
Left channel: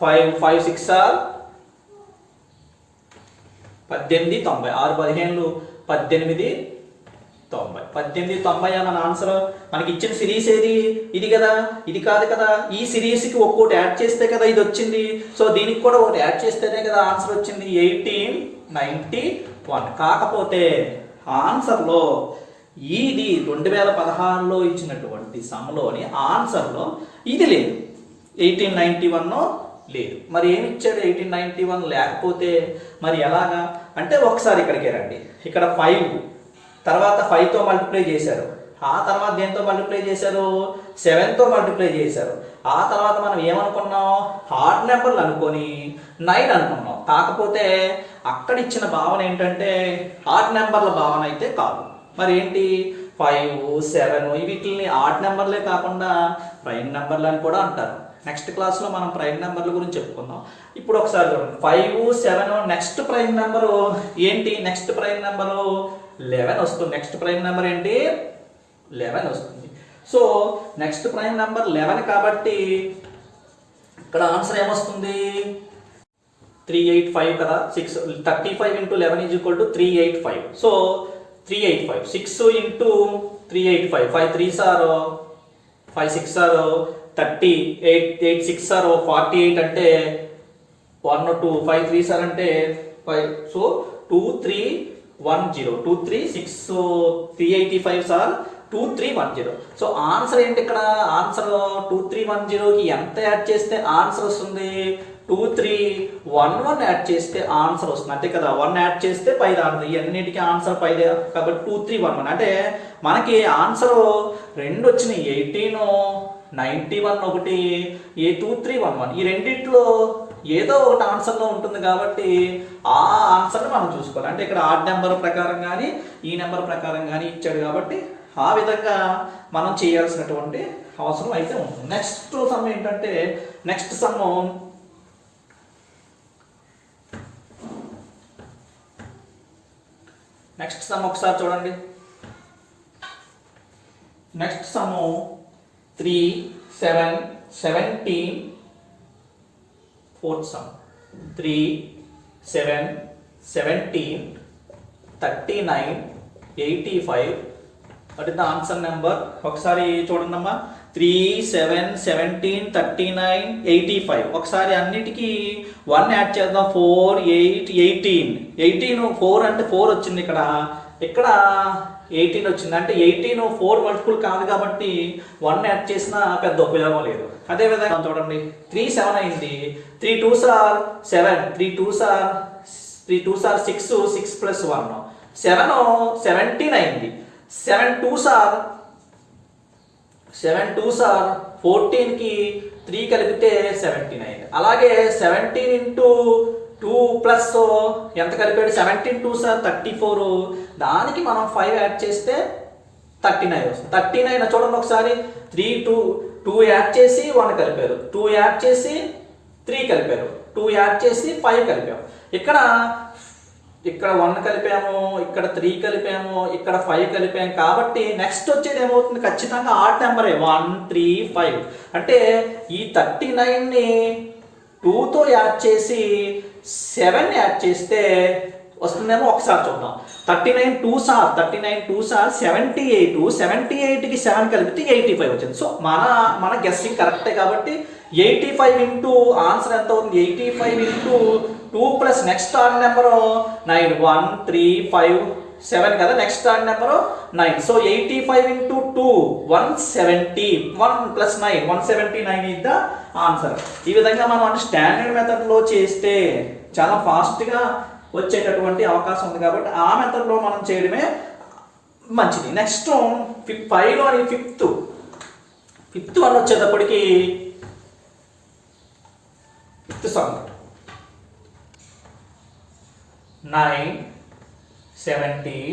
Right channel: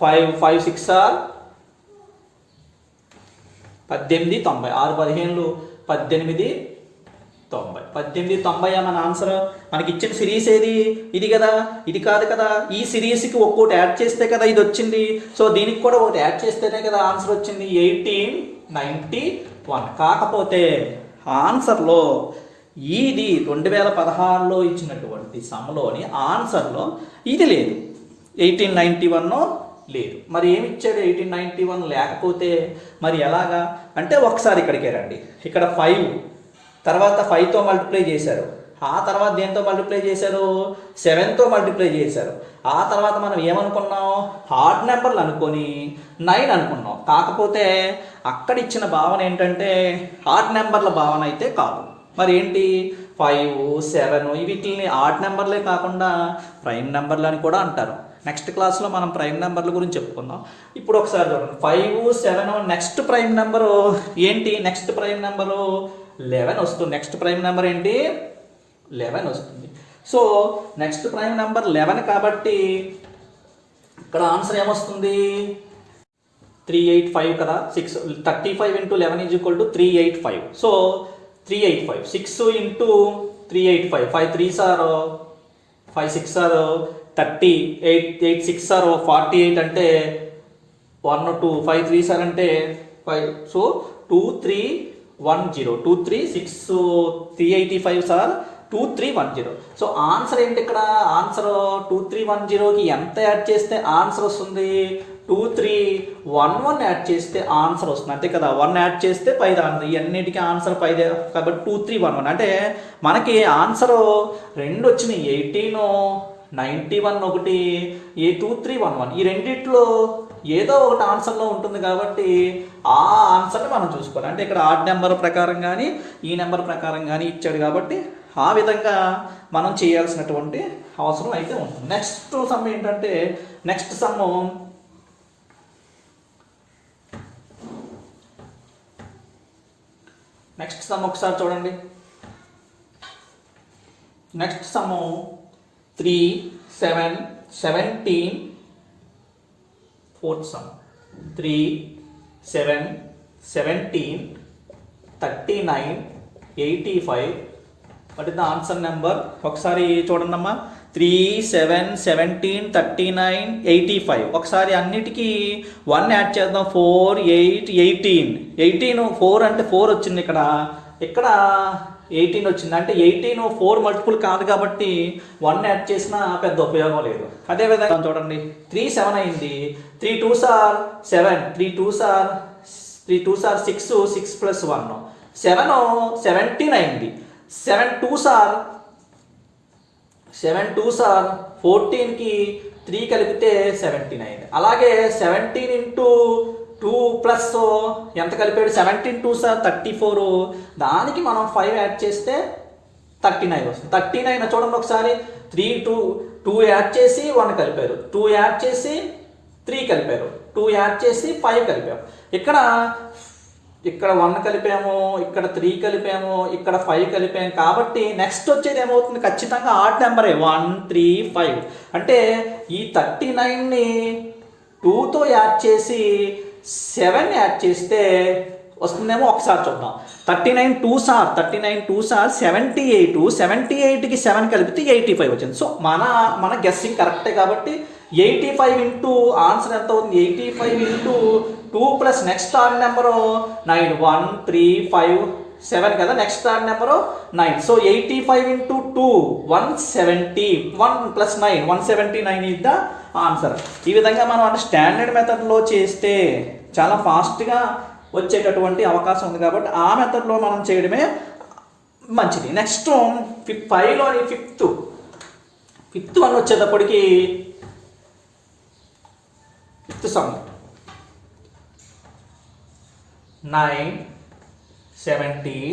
5 6 ఆర్ 18 90. 6 15 18 90 మన ఆన్సర్. మనకి ఇచ్చిన సిరీస్ ఏది? ఇది కదా, ఇది కాదు కదా. ఈ సిరీస్కి ఒక్కోటి యాడ్ చేస్తే కదా ఇది వచ్చింది. సో దీనికి కూడా ఒకటి యాడ్ చేస్తేనే కదా ఆన్సర్ వచ్చింది 1891. కాకపోతే ఆన్సర్లో ఇది 2016లో ఇచ్చినటువంటి సమ్లోని ఆన్సర్లో ఇది లేదు, 1891 లేదు. మరి ఏమి ఇచ్చాడు? 1891 లేకపోతే మరి ఎలాగా అంటే, ఒకసారి ఇక్కడికే రండి. ఇక్కడ 5 తర్వాత 5తో మల్టిప్లై చేశారు. ఆ తర్వాత దేంతో మల్టిప్లై చేశారు? 7తో మల్టిప్లై చేశారు. ఆ తర్వాత మనం ఏమనుకున్నాం? ఆడ్ నెంబర్లు అనుకొని 9 అనుకున్నాం. కాకపోతే అక్కడ ఇచ్చిన భావన ఏంటంటే ఆడ్ నెంబర్ల భావన అయితే కాదు. మరి ఏంటి? 5 7 వీటిని ఆడ్ నెంబర్లే కాకుండా ప్రైమ్ నెంబర్లు అని కూడా అంటారు. నెక్స్ట్ క్లాస్లో మనం ప్రైమ్ నెంబర్ల గురించి చెప్పుకుందాం. ఇప్పుడు ఒకసారి చూడండి, 5 7. నెక్స్ట్ ప్రైమ్ నెంబరు ఏంటి? నెక్స్ట్ ప్రైమ్ నెంబరు 11 వస్తుంది. నెక్స్ట్ ప్రైమ్ నెంబర్ ఏంటి? 11 వస్తుంది. సో నెక్స్ట్ ప్రైమ్ నెంబర్ 11 కాబట్టి ఇక్కడ ఆన్సర్ ఏమొస్తుంది? 385 కదా. 35 into 11 is equal to 385. So 385. 6 into 385. 5 3s are 5 6 are 30, 8 6 are 48 అంటే 1 2 5 3 సార్ అంటే 5, so 2 3 1 0 2 3 6, so 385 sir 2 3 1 0. So answer ఏంటి ఇక్కడ? ఆన్సర్ 2 3 1 0కి ఎంత యాడ్ చేస్తే ఆన్సర్ వస్తుంది? 2 3 1 1 యాడ్ చేస్తే ఆన్సర్ వస్తుంది అంతే కదా. 1 యాడ్ చేస్తే 5 ఆన్సర్. ఇవన్నిటికీ ఆన్సర్ 5 కాబట్టి 2 3 1 1 అంటే మనకి ఆన్సర్ రెండు వచ్చినాయి. 18 91 ఒకటి, 2 3 1 1. ఈ రెండిట్లో ఏదో ఒకటి ఆన్సర్లో ఉంటుంది కాబట్టి ఆ ఆన్సర్ని మనం చూసుకోవాలి. అంటే ఇక్కడ ఆడ్ నెంబర్ ప్రకారం కానీ ఈ నెంబర్ ప్రకారం కానీ ఇచ్చాడు కాబట్టి ఆ విధంగా మనం చేయాల్సినటువంటి అవసరం అయితే ఉంటుంది. నెక్స్ట్ సమ్ ఏంటంటే నెక్స్ట్ సమ్ ఒకసారి చూడండి. Next some 3 7 17, fourth sum 3 7 17 39 85. What is the answer number? ఒకసారి చూడండి అమ్మా. 3 7 17 39 85. ఒకసారి అన్నిటికీ 1 యాడ్ చేద్దాం. 4 8 18. 4 అంటే 4 వచ్చింది ఇక్కడ. ఇక్కడ 18 వచ్చింది అంటే 18 4 మల్టిపుల్ కాదు కాబట్టి 1 యాడ్ చేసినా పెద్ద ఉపయోగం లేదు. అదేవిధంగా చూడండి 3 7 అయింది. 3 2s are 7, 3 2s are 6, 6 plus 1 7 17 అయింది. 7 2s are 14కి 3 కలిపితే 17 అయింది. అలాగే 17 into 2 ప్లస్ ఎంత కలిపాడు? 17 2s are 34. దానికి మనం 5 యాడ్ చేస్తే 39 వస్తుంది. 39 చూడండి ఒకసారి. 3 2 యాడ్ చేసి 1 కలిపారు, 2 యాడ్ చేసి 3 కలిపారు, 2 యాడ్ చేసి 5 కలిపారు. ఇక్కడ 1 కలిపాము, ఇక్కడ 3 కలిపాము, ఇక్కడ 5 కలిపాము. కాబట్టి నెక్స్ట్ వచ్చేది ఏమవుతుంది? ఖచ్చితంగా ఆడ్ నెంబరే 1 3 5. అంటే ఈ 39ని 2తో యాడ్ చేసి 7 యాడ్ చేస్తే వస్తుందేమో ఒకసారి చూద్దాం. 39 2s are 78. 78కి 7 కలిపితే 85 వచ్చింది. సో మన గెస్సింగ్ కరెక్టే కాబట్టి 85 ఇంటూ ఆన్సర్ ఎంత అవుతుంది? 85 into 2 plus next odd number 9 1 3 5 7 కదా. Next odd number 9. So 85 into 2 170. 1 plus 9 179 is the answer. ఈ విధంగా మనం స్టాండర్డ్ మెథడ్లో చేస్తే చాలా ఫాస్ట్గా వచ్చేటటువంటి అవకాశం ఉంది కాబట్టి ఆ మెథడ్లో మనం చేయడమే మంచిది. నెక్స్ట్ 5లోని ఫిఫ్త్ వన్ వచ్చేటప్పటికి fifth sum 9 17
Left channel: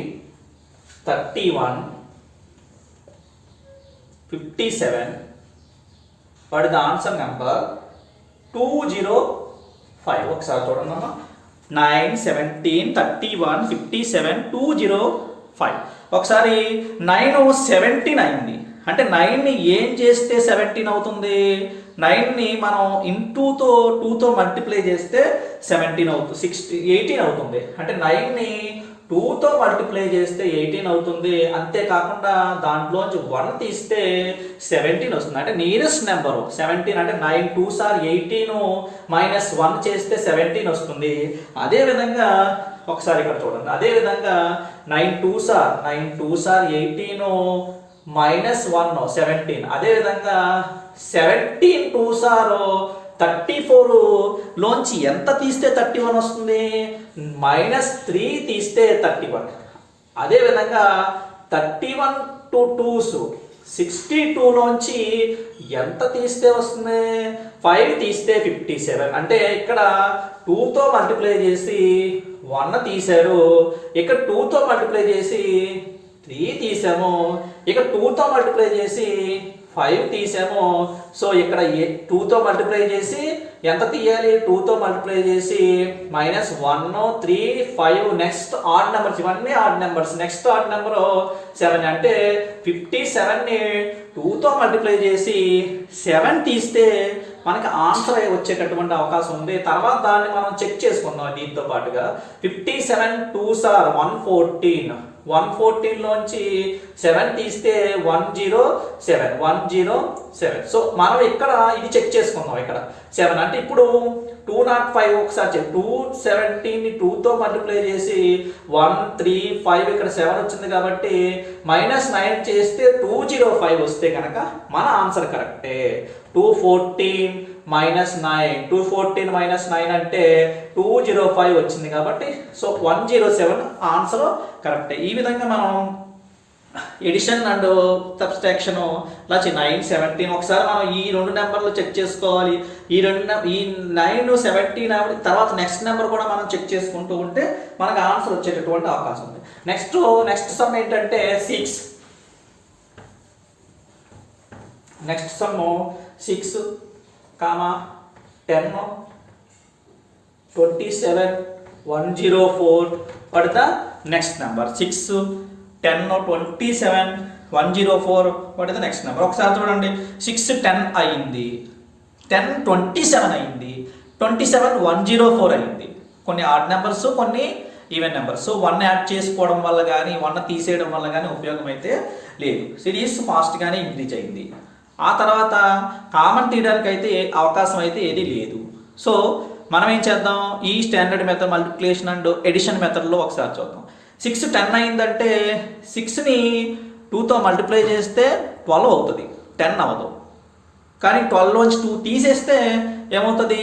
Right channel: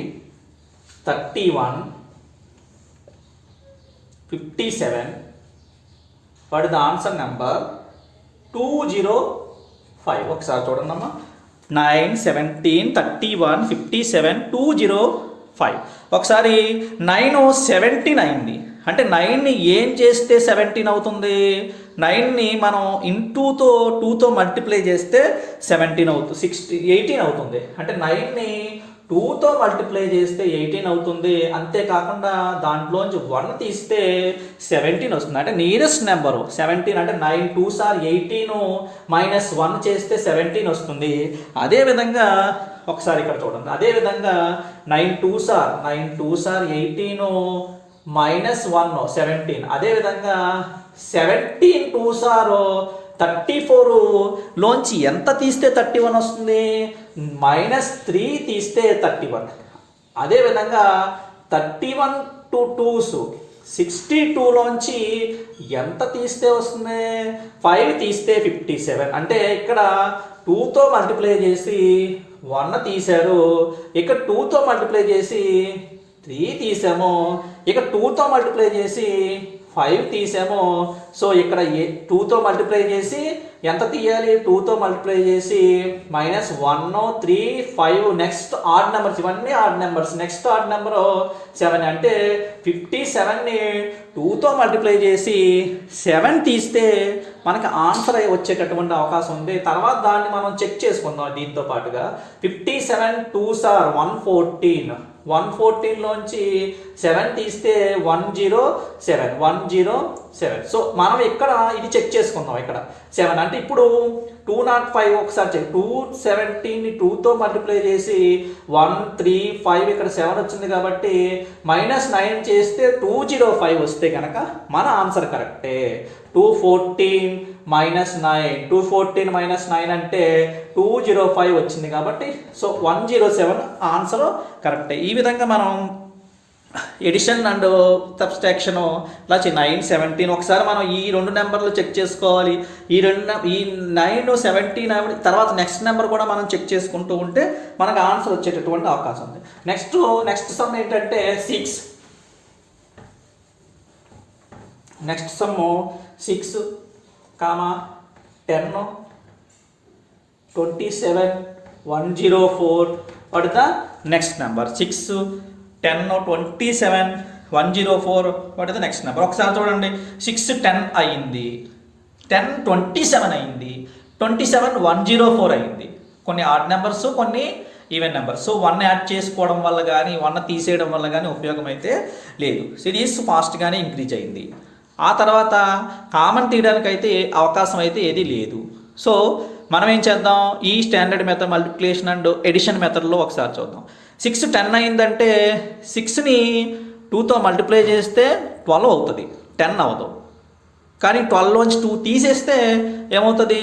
31 57. What is the answer number? 205. ఒకసారి చూడండి అమ్మా. 9 17 31 57 205. ఒకసారి 9 17 అయింది అంటే 9ని ఏం చేస్తే 17 అవుతుంది? 9ని మనం ఇంటూతో 2తో మల్టిప్లై చేస్తే 17 అవుతుంది, 18 అవుతుంది. అంటే 9ని 2తో మల్టిప్లై చేస్తే 18 అవుతుంది. అంతేకాకుండా దాంట్లోంచి 1 తీస్తే 17 వస్తుంది. అంటే నియరెస్ట్ నెంబరు 17. అంటే 9 2s are 18 మైనస్ 1 చేస్తే 17 వస్తుంది. అదేవిధంగా ఒకసారి ఇక్కడ చూడండి. అదేవిధంగా 9 2s are 18 మైనస్ 1 17. అదేవిధంగా 17 2s are 34 లోంచి ఎంత తీస్తే 31 వస్తుంది? -3 తీస్తే 31. అదేవిధంగా 31 to 2s 62 లోంచి ఎంత తీస్తే వస్తుంది? 5 తీస్తే 57. అంటే ఇక్కడ 2తో మల్టిప్లై చేసి 1 తీశారు, ఇక్కడ 2తో మల్టిప్లై చేసి 3 తీసాము, ఇక్కడ 2తో మల్టిప్లై చేసి 5 తీసాము. సో ఇక్కడ 2తో మల్టిప్లై చేసి ఎంత తీయాలి? 2తో మల్టిప్లై చేసి -1 3 5. నెక్స్ట్ ఆడ్ నెంబర్స్, ఇవన్నీ odd numbers. Next odd number 7. అంటే 57ని 2తో మల్టిప్లై చేసి 7 తీస్తే మనకి ఆన్సర్ వచ్చేటటువంటి అవకాశం ఉంది. తర్వాత దాన్ని మనం చెక్ చేసుకుందాం దీంతో పాటుగా. 57 2s are 114. 114 లోంచి 7 తీస్తే 107. సో మనం ఇక్కడ ఇది చెక్ చేసుకుందాం. ఇక్కడ 7 అంటే ఇప్పుడు 205 ఒకసారి చెక్. 270ని 2తో మల్టిప్లై చేసి 1 3 5 ఇక్కడ 7 వచ్చింది కాబట్టి -9 చేస్తే 205 వస్తే కనుక మన ఆన్సర్ కరెక్టే. 214 -9 214 -9 అంటే 205 వచ్చింది కాబట్టి సో 107 ఆన్సర్ కరెక్టే. ఈ విధంగా మనం ఎడిషన్ అండ్ సబ్స్ట్రాక్షన్ ఇలా 9 17 ఒకసారి మనం ఈ రెండు నెంబర్లు చెక్ చేసుకోవాలి. ఈ 9 17 తర్వాత నెక్స్ట్ నెంబర్ కూడా మనం చెక్ చేసుకుంటూ ఉంటే మనకు ఆన్సర్ వచ్చేటటువంటి అవకాశం ఉంది. నెక్స్ట్ సమ్ ఏంటంటే 6. Next some 6, 10, 27, 104. What the next number? 6, 10, 27, 104. What is the next number? ఒకసారి చూడండి. 6 10 అయింది, 10 27 అయింది, 27 104 అయింది. కొన్ని ఆడ్ నెంబర్స్, కొన్ని ఈవెన్ నెంబర్స్. సో 1 యాడ్ చేసుకోవడం వల్ల కానీ 1 తీసేయడం వల్ల కానీ ఉపయోగం అయితే లేదు. సిరీస్ ఫాస్ట్గానే ఇంక్రీజ్ అయింది. ఆ తర్వాత కామన్ తీయడానికి అయితే అవకాశం అయితే ఏది లేదు. సో మనం ఏం చేద్దాం? ఈ standard method multiplication and addition మెథడ్లో ఒకసారి చూద్దాం. 6 10 అయిందంటే 6ని 2తో మల్టిప్లై చేస్తే 12 అవుతుంది, 10 అవ్వదు. కానీ 12లోంచి 2 తీసేస్తే ఏమవుతుంది?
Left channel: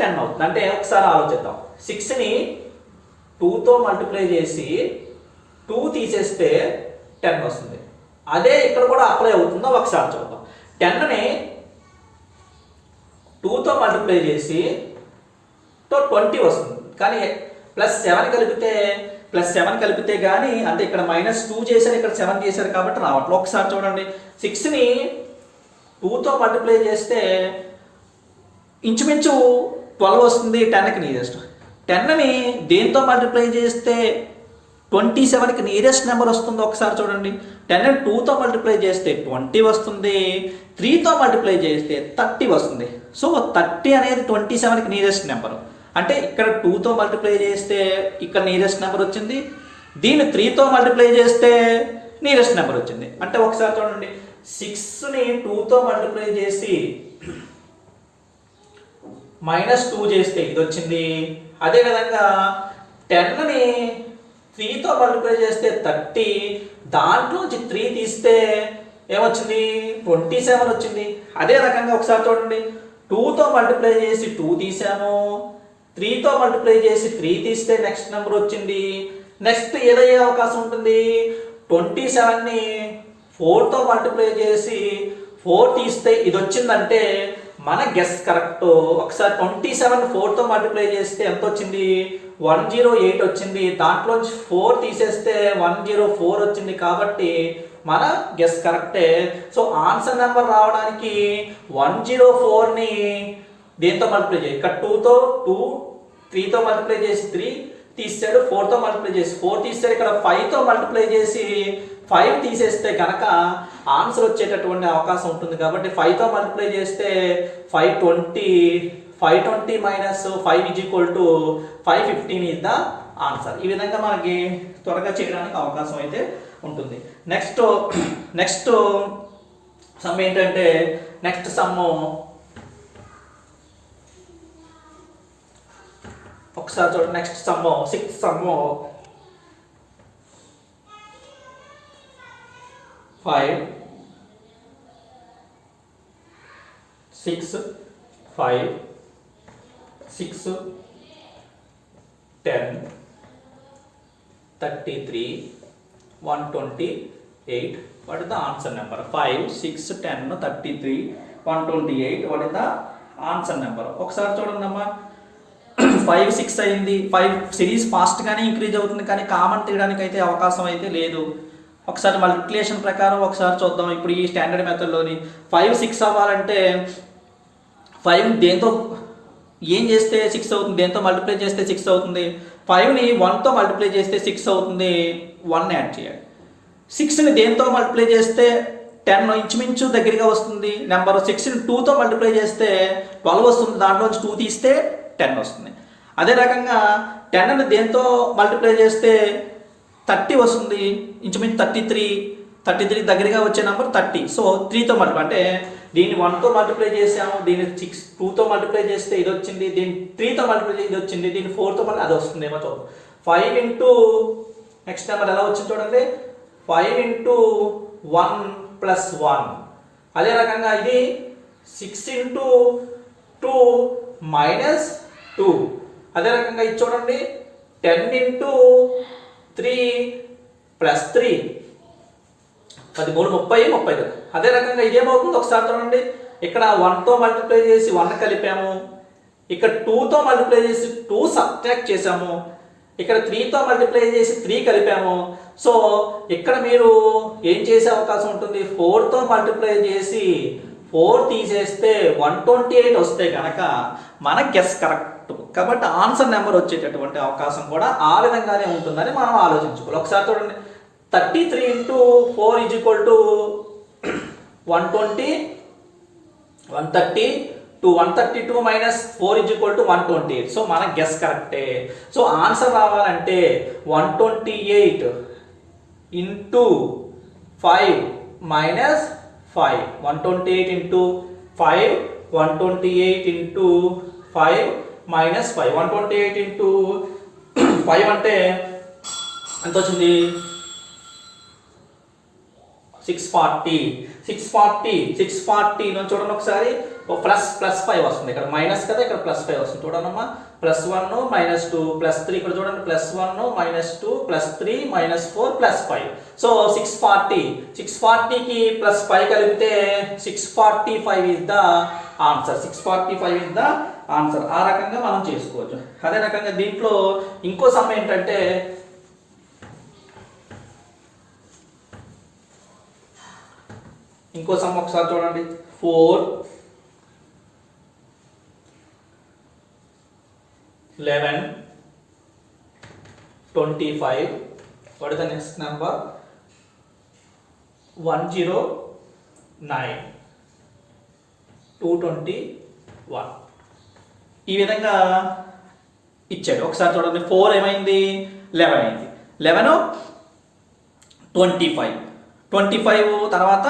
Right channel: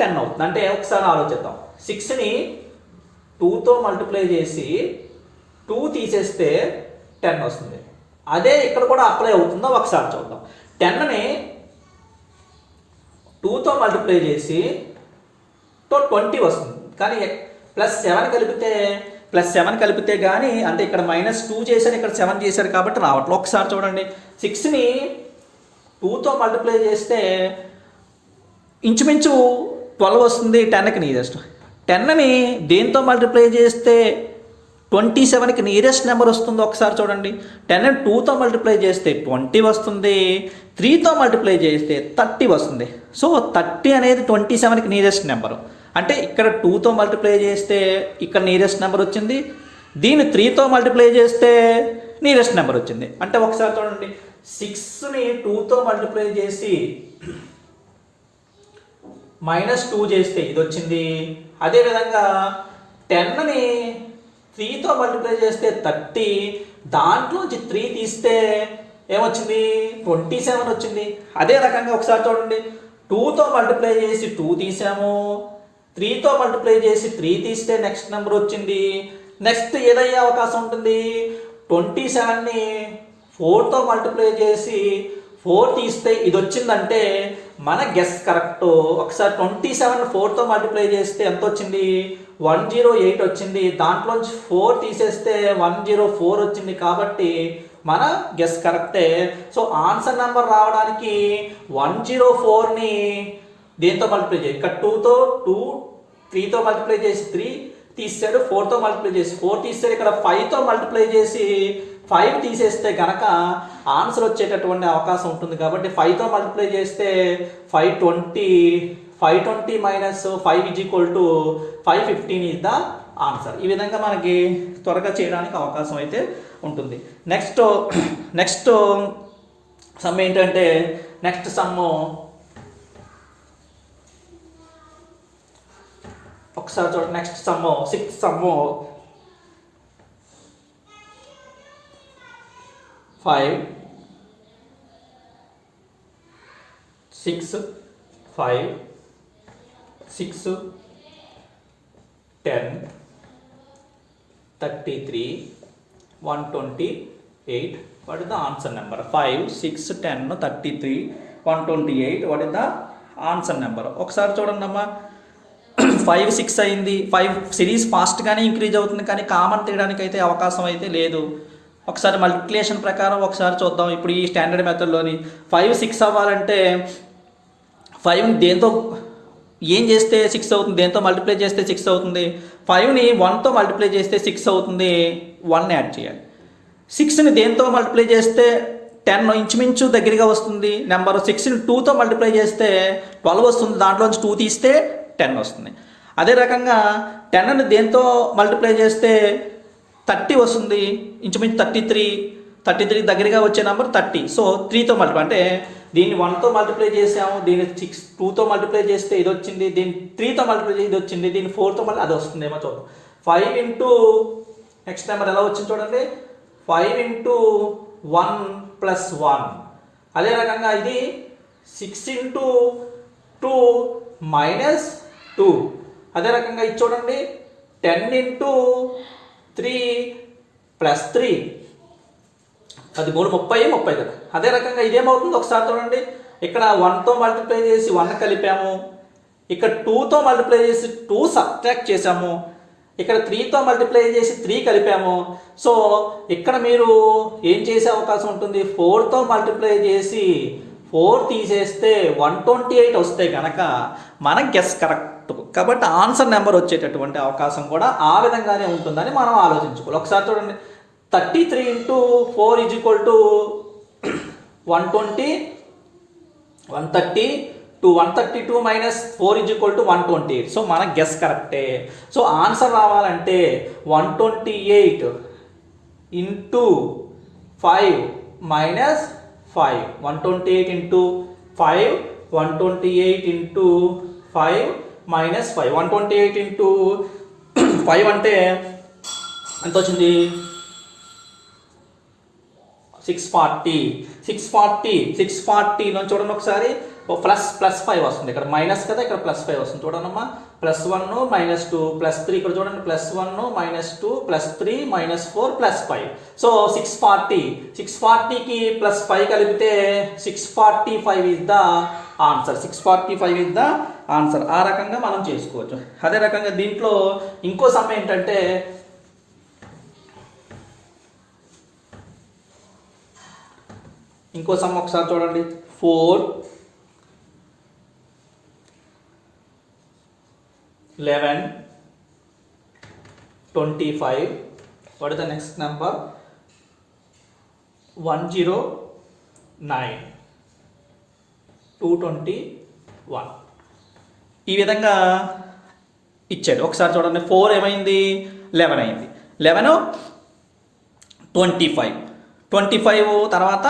10 అవుతుంది. అంటే ఒకసారి ఆలోచిద్దాం. 6ని 2తో మల్టిప్లై చేసి 2 తీసేస్తే 10 వస్తుంది. అదే ఇక్కడ కూడా అప్లై అవుతుందో ఒకసారి చూద్దాం. 10ని 2తో మల్టిప్లై చేసి 20 వస్తుంది. కానీ +7 కలిపితే కానీ అంటే ఇక్కడ -2 చేశారు, ఇక్కడ 7 చేశారు కాబట్టి రావట్లేదు. ఒకసారి చూడండి. 6ని 2తో మల్టిప్లై చేస్తే ఇంచుమించు 12 వస్తుంది, 10కి నియరెస్ట్. 10ని దేంతో మల్టిప్లై చేస్తే 27కి నియరెస్ట్ నెంబర్ వస్తుందో ఒకసారి చూడండి. 10ని 2తో మల్టిప్లై చేస్తే 20 వస్తుంది, 3తో మల్టిప్లై చేస్తే 30 వస్తుంది. సో 30 అనేది 27కి నియరెస్ట్ నెంబర్. అంటే ఇక్కడ 2తో మల్టిప్లై చేస్తే ఇక్కడ నియరెస్ట్ నెంబర్ వచ్చింది, దీన్ని 3తో మల్టిప్లై చేస్తే నియరెస్ట్ నెంబర్ వచ్చింది. అంటే ఒకసారి చూడండి. 6ని 2తో మల్టిప్లై చేసి -2 చేస్తే ఇది వచ్చింది. అదేవిధంగా 10ని 3తో మల్టిప్లై చేస్తే 30, దాంట్లోంచి 3 తీస్తే ఏమొచ్చింది? 27 వచ్చింది. అదే రకంగా ఒకసారి చూడండి. 2తో మల్టిప్లై చేసి 2 తీసాము, 3తో మల్టిప్లై చేసి 3 తీస్తే నెక్స్ట్ నెంబర్ వచ్చింది. నెక్స్ట్ ఏదయ్యే అవకాశం ఉంటుంది? 27ని 4తో మల్టిప్లై చేసి 4 తీస్తే ఇది వచ్చిందంటే మన గెస్ కరెక్ట్. ఒకసారి 27 4తో మల్టిప్లై చేస్తే ఎంత వచ్చింది? 108 వచ్చింది. దాంట్లోంచి 4 తీసేస్తే 104 వచ్చింది. కాబట్టి మన గెస్ కరెక్టే. సో ఆన్సర్ నెంబర్ రావడానికి 104ని దేంతో మల్టిప్లై చేయాలి? ఇక్కడ 3తో మల్టిప్లై చేసి 3 తీసాడు, 4తో మల్టిప్లై చేసి 4 తీసాడు. ఇక్కడ 5తో మల్టిప్లై చేసి 5 తీసేస్తే కనుక ఆన్సర్ వచ్చేటటువంటి అవకాశం ఉంటుంది. కాబట్టి 5తో మల్టిప్లై చేస్తే 520 -5 515 ఇస్ ద ఆన్సర్. ఈ విధంగా మనకి త్వరగా చేయడానికి అవకాశం అయితే ఉంటుంది. నెక్స్ట్ సమ్ ఏంటంటే నెక్స్ట్ సమ్ ఒకసారి చూడండి. Next some 6 some 5 6 5 6 10 33 128. What is the answer number? 5 6 10 33 128. What is the answer number? ఒకసారి చూడండి అమ్మా. 5 6 అయింది. 5 సిరీస్ ఫాస్ట్గానే ఇంక్రీజ్ అవుతుంది, కానీ కామన్ తీయడానికి అయితే అవకాశం అయితే లేదు. ఒకసారి మల్టిప్లికేషన్ ప్రకారం ఒకసారి చూద్దాం. ఇప్పుడు ఈ స్టాండర్డ్ మెథడ్లోని 5 6 అవ్వాలంటే 5 దేంతో ఏం చేస్తే 6 అవుతుంది? దేంతో మల్టిప్లై చేస్తే 6 అవుతుంది? 5ని 1తో మల్టిప్లై చేస్తే 6 అవుతుంది, 1 యాడ్ చేయాలి. 6ని దేంతో మల్టిప్లై చేస్తే 10 ఇంచుమించు దగ్గరగా వస్తుంది నెంబర్. 6ని 2తో మల్టిప్లై చేస్తే 12 వస్తుంది, దాంట్లోంచి 2 తీస్తే 10 వస్తుంది. అదే రకంగా 10ని దేంతో మల్టిప్లై చేస్తే 30 వస్తుంది, ఇంచుమించు 33. 33 దగ్గరగా వచ్చే నెంబర్ 30. సో 3తో మల్టిప్లై అంటే దీన్ని 1తో మల్టిప్లై చేసాము, దీన్ని 2తో మల్టిప్లై చేస్తే ఇది వచ్చింది, దీన్ని 3తో మల్టిప్లై ఇది వచ్చింది, దీన్ని 4తో మళ్ళీ అది వస్తుంది ఏమో చూద్దాం. 5 ఇంటూ నెక్స్ట్ నెంబర్ ఎలా వచ్చింది చూడండి, 5 ఇంటూ 1 ప్లస్ 1. అదే రకంగా ఇది 6 ఇంటూ 2 మైనస్ 2. అదే రకంగా ఇది చూడండి 10 ఇంటూ 3 ప్లస్ 3. 13 30 కదా. అదే రకంగా ఇదేమవుతుంది ఒకసారి చూడండి, ఇక్కడ 1తో మల్టిప్లై చేసి 1 కలిపాము, ఇక్కడ 2తో మల్టిప్లై చేసి 2 సబ్ట్రాక్ట్ చేసాము, ఇక్కడ 3తో మల్టిప్లై చేసి 3 కలిపాము. సో ఇక్కడ మీరు ఏం చేసే అవకాశం ఉంటుంది, 4తో మల్టిప్లై చేసి 4 తీసేస్తే 128 వస్తే కనుక మన గెస్ కరెక్ట్. కాబట్టి ఆన్సర్ నెంబర్ వచ్చేటటువంటి అవకాశం కూడా ఆ విధంగానే ఉంటుందని మనం ఆలోచించుకోవాలి. ఒకసారి చూడండి, 33 into 4 is equal to 120, 132, 132 minus 4 is equal to 128. So మన గెస్ కరెక్టే. సో ఆన్సర్ రావాలంటే 128 into 5 minus 5, 128 into 5, 128 into 5 minus 5, 128 into 5 అంటే ఎంత వచ్చింది, 640 నుంచి చూడండి ఒకసారి, ప్లస్ 5 వస్తుంది, ఇక్కడ మైనస్ కదా, ఇక్కడ ప్లస్ 5 వస్తుంది చూడండమ్మా. +1 -2 +3, ఇక్కడ చూడండి +1 -2 +3 -4 +5. సో 640కి +5 కలిపితే 645 is the answer. 645 is the answer. ఆ రకంగా మనం చేసుకోవచ్చు. అదే రకంగా దీంట్లో ఇంకో సమ్ ఏంటంటే, ఇంకో సమ్ ఒకసారి చూడండి, 4 11 25. what is the next number, 109 221. ఈ విధంగా ఇచ్చాడు. ఒకసారి చూడండి, 4 ఏమైంది, 11 అయింది, 11 25 తర్వాత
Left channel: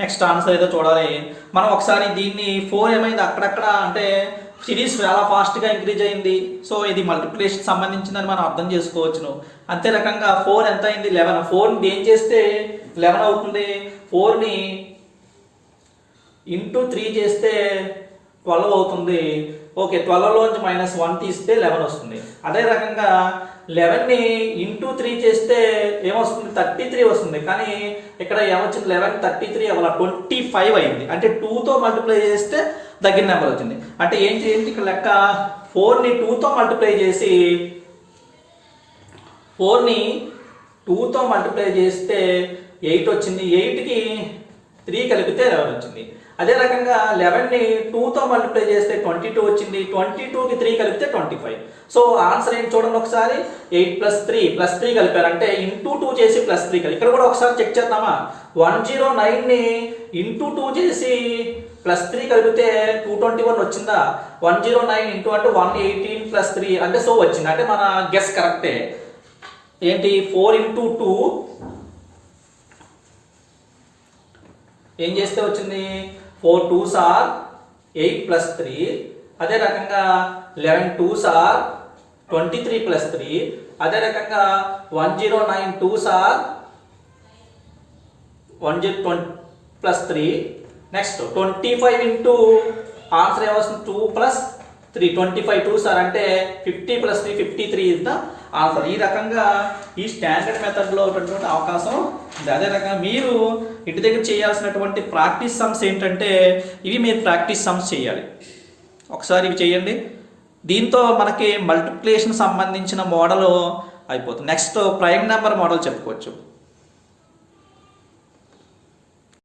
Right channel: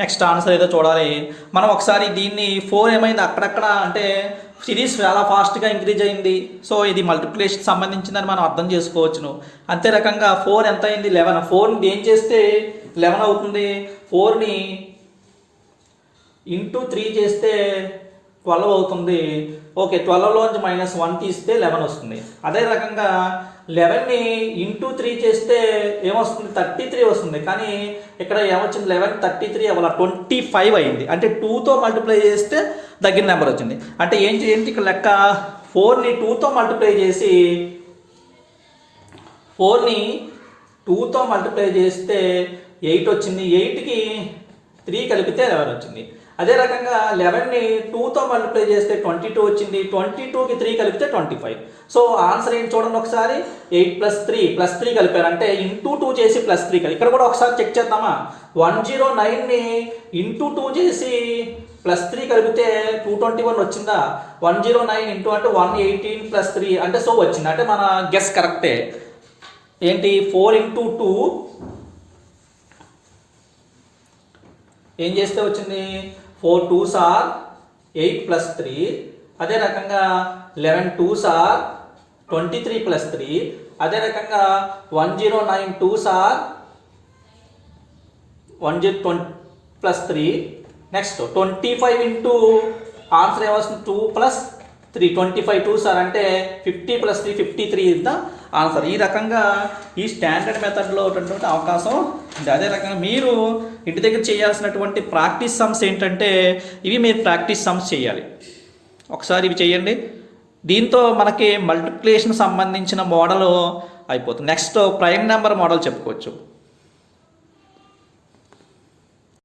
నెక్స్ట్ ఆన్సర్ ఏదో చూడాలి మనం. ఒకసారి దీన్ని 4 ఏమైంది అక్కడక్కడ, అంటే సిరీస్ చాలా ఫాస్ట్గా ఇంక్రీజ్ అయింది. సో ఇది మల్టిప్లికేషన్కి సంబంధించిందని మనం అర్థం చేసుకోవచ్చును. అంతే రకంగా 4 ఎంత అయింది, 11. 4ని ఏం చేస్తే 11 అవుతుంది, 4ని ఇంటూ 3 చేస్తే 12 అవుతుంది. ఓకే, 12లోంచి -1 తీస్తే 11 వస్తుంది. అదే రకంగా 11ని ఇంటూ 3 చేస్తే ఏమొస్తుంది, 33 వస్తుంది. కానీ ఇక్కడ ఏమొచ్చింది, 11 33 అవ్వాలి, 25 అయింది. అంటే 2తో మల్టిప్లై చేస్తే దగ్గర నెంబర్ వచ్చింది. అంటే ఏంటి ఇక్కడ లెక్క, 4ని 2తో మల్టిప్లై చేసి 4ని 2తో మల్టిప్లై చేస్తే 8 వచ్చింది, 8కి 3 కలిపితే 11 వచ్చింది. అదే రకంగా 11ని 2తో మల్టిప్లై చేస్తే 22 వచ్చింది, 22కి 3 కలిపితే 25. సో ఆన్సర్ ఏంటి చూడండి ఒకసారి, 8 + 3 కలిపారు, అంటే ఇంటూ 2 చేసి +3 కలిపి. ఇక్కడ కూడా ఒకసారి చెక్ చేద్దామా, 109ని ఇంటూ 2 చేసి +3 కలిపితే 221 వచ్చిందా, 109 ఇంటూ అంటే 118 + 3 అంటే సో వచ్చింది. అంటే మన గెస్ కరెక్టే. ఏంటి, 4 ఇంటూ 2 ఏం చేస్తే వచ్చింది, 4 2s are 8 + 3. అదే రకంగా 11 2s are 23 + 3. అదే రకంగా 109 2s are 120 + 3. Next 25 into answer ఏమొస్తుంది, 2 + 3, 25 2s are అంటే 50 + 3 53 ఇస్ ద ఆన్సర్. ఈ రకంగా ఈ స్టాండర్డ్ మెథడ్లో ఉన్నటువంటి అవకాశం ఉంది. అదే రకంగా మీరు ఇంటి దగ్గర చేయాల్సినటువంటి ప్రాక్టీస్ సమ్స్ ఏంటంటే, ఇవి మీరు ప్రాక్టీస్ సమ్స్ చేయాలి. ఒకసారి ఇవి చేయండి. దీంతో మనకి మల్టిప్లికేషన్ సంబంధించిన మోడల్ అయిపోతుంది. నెక్స్ట్ ప్రైమ్ నెంబర్ మోడల్ చెప్పుకోవచ్చు.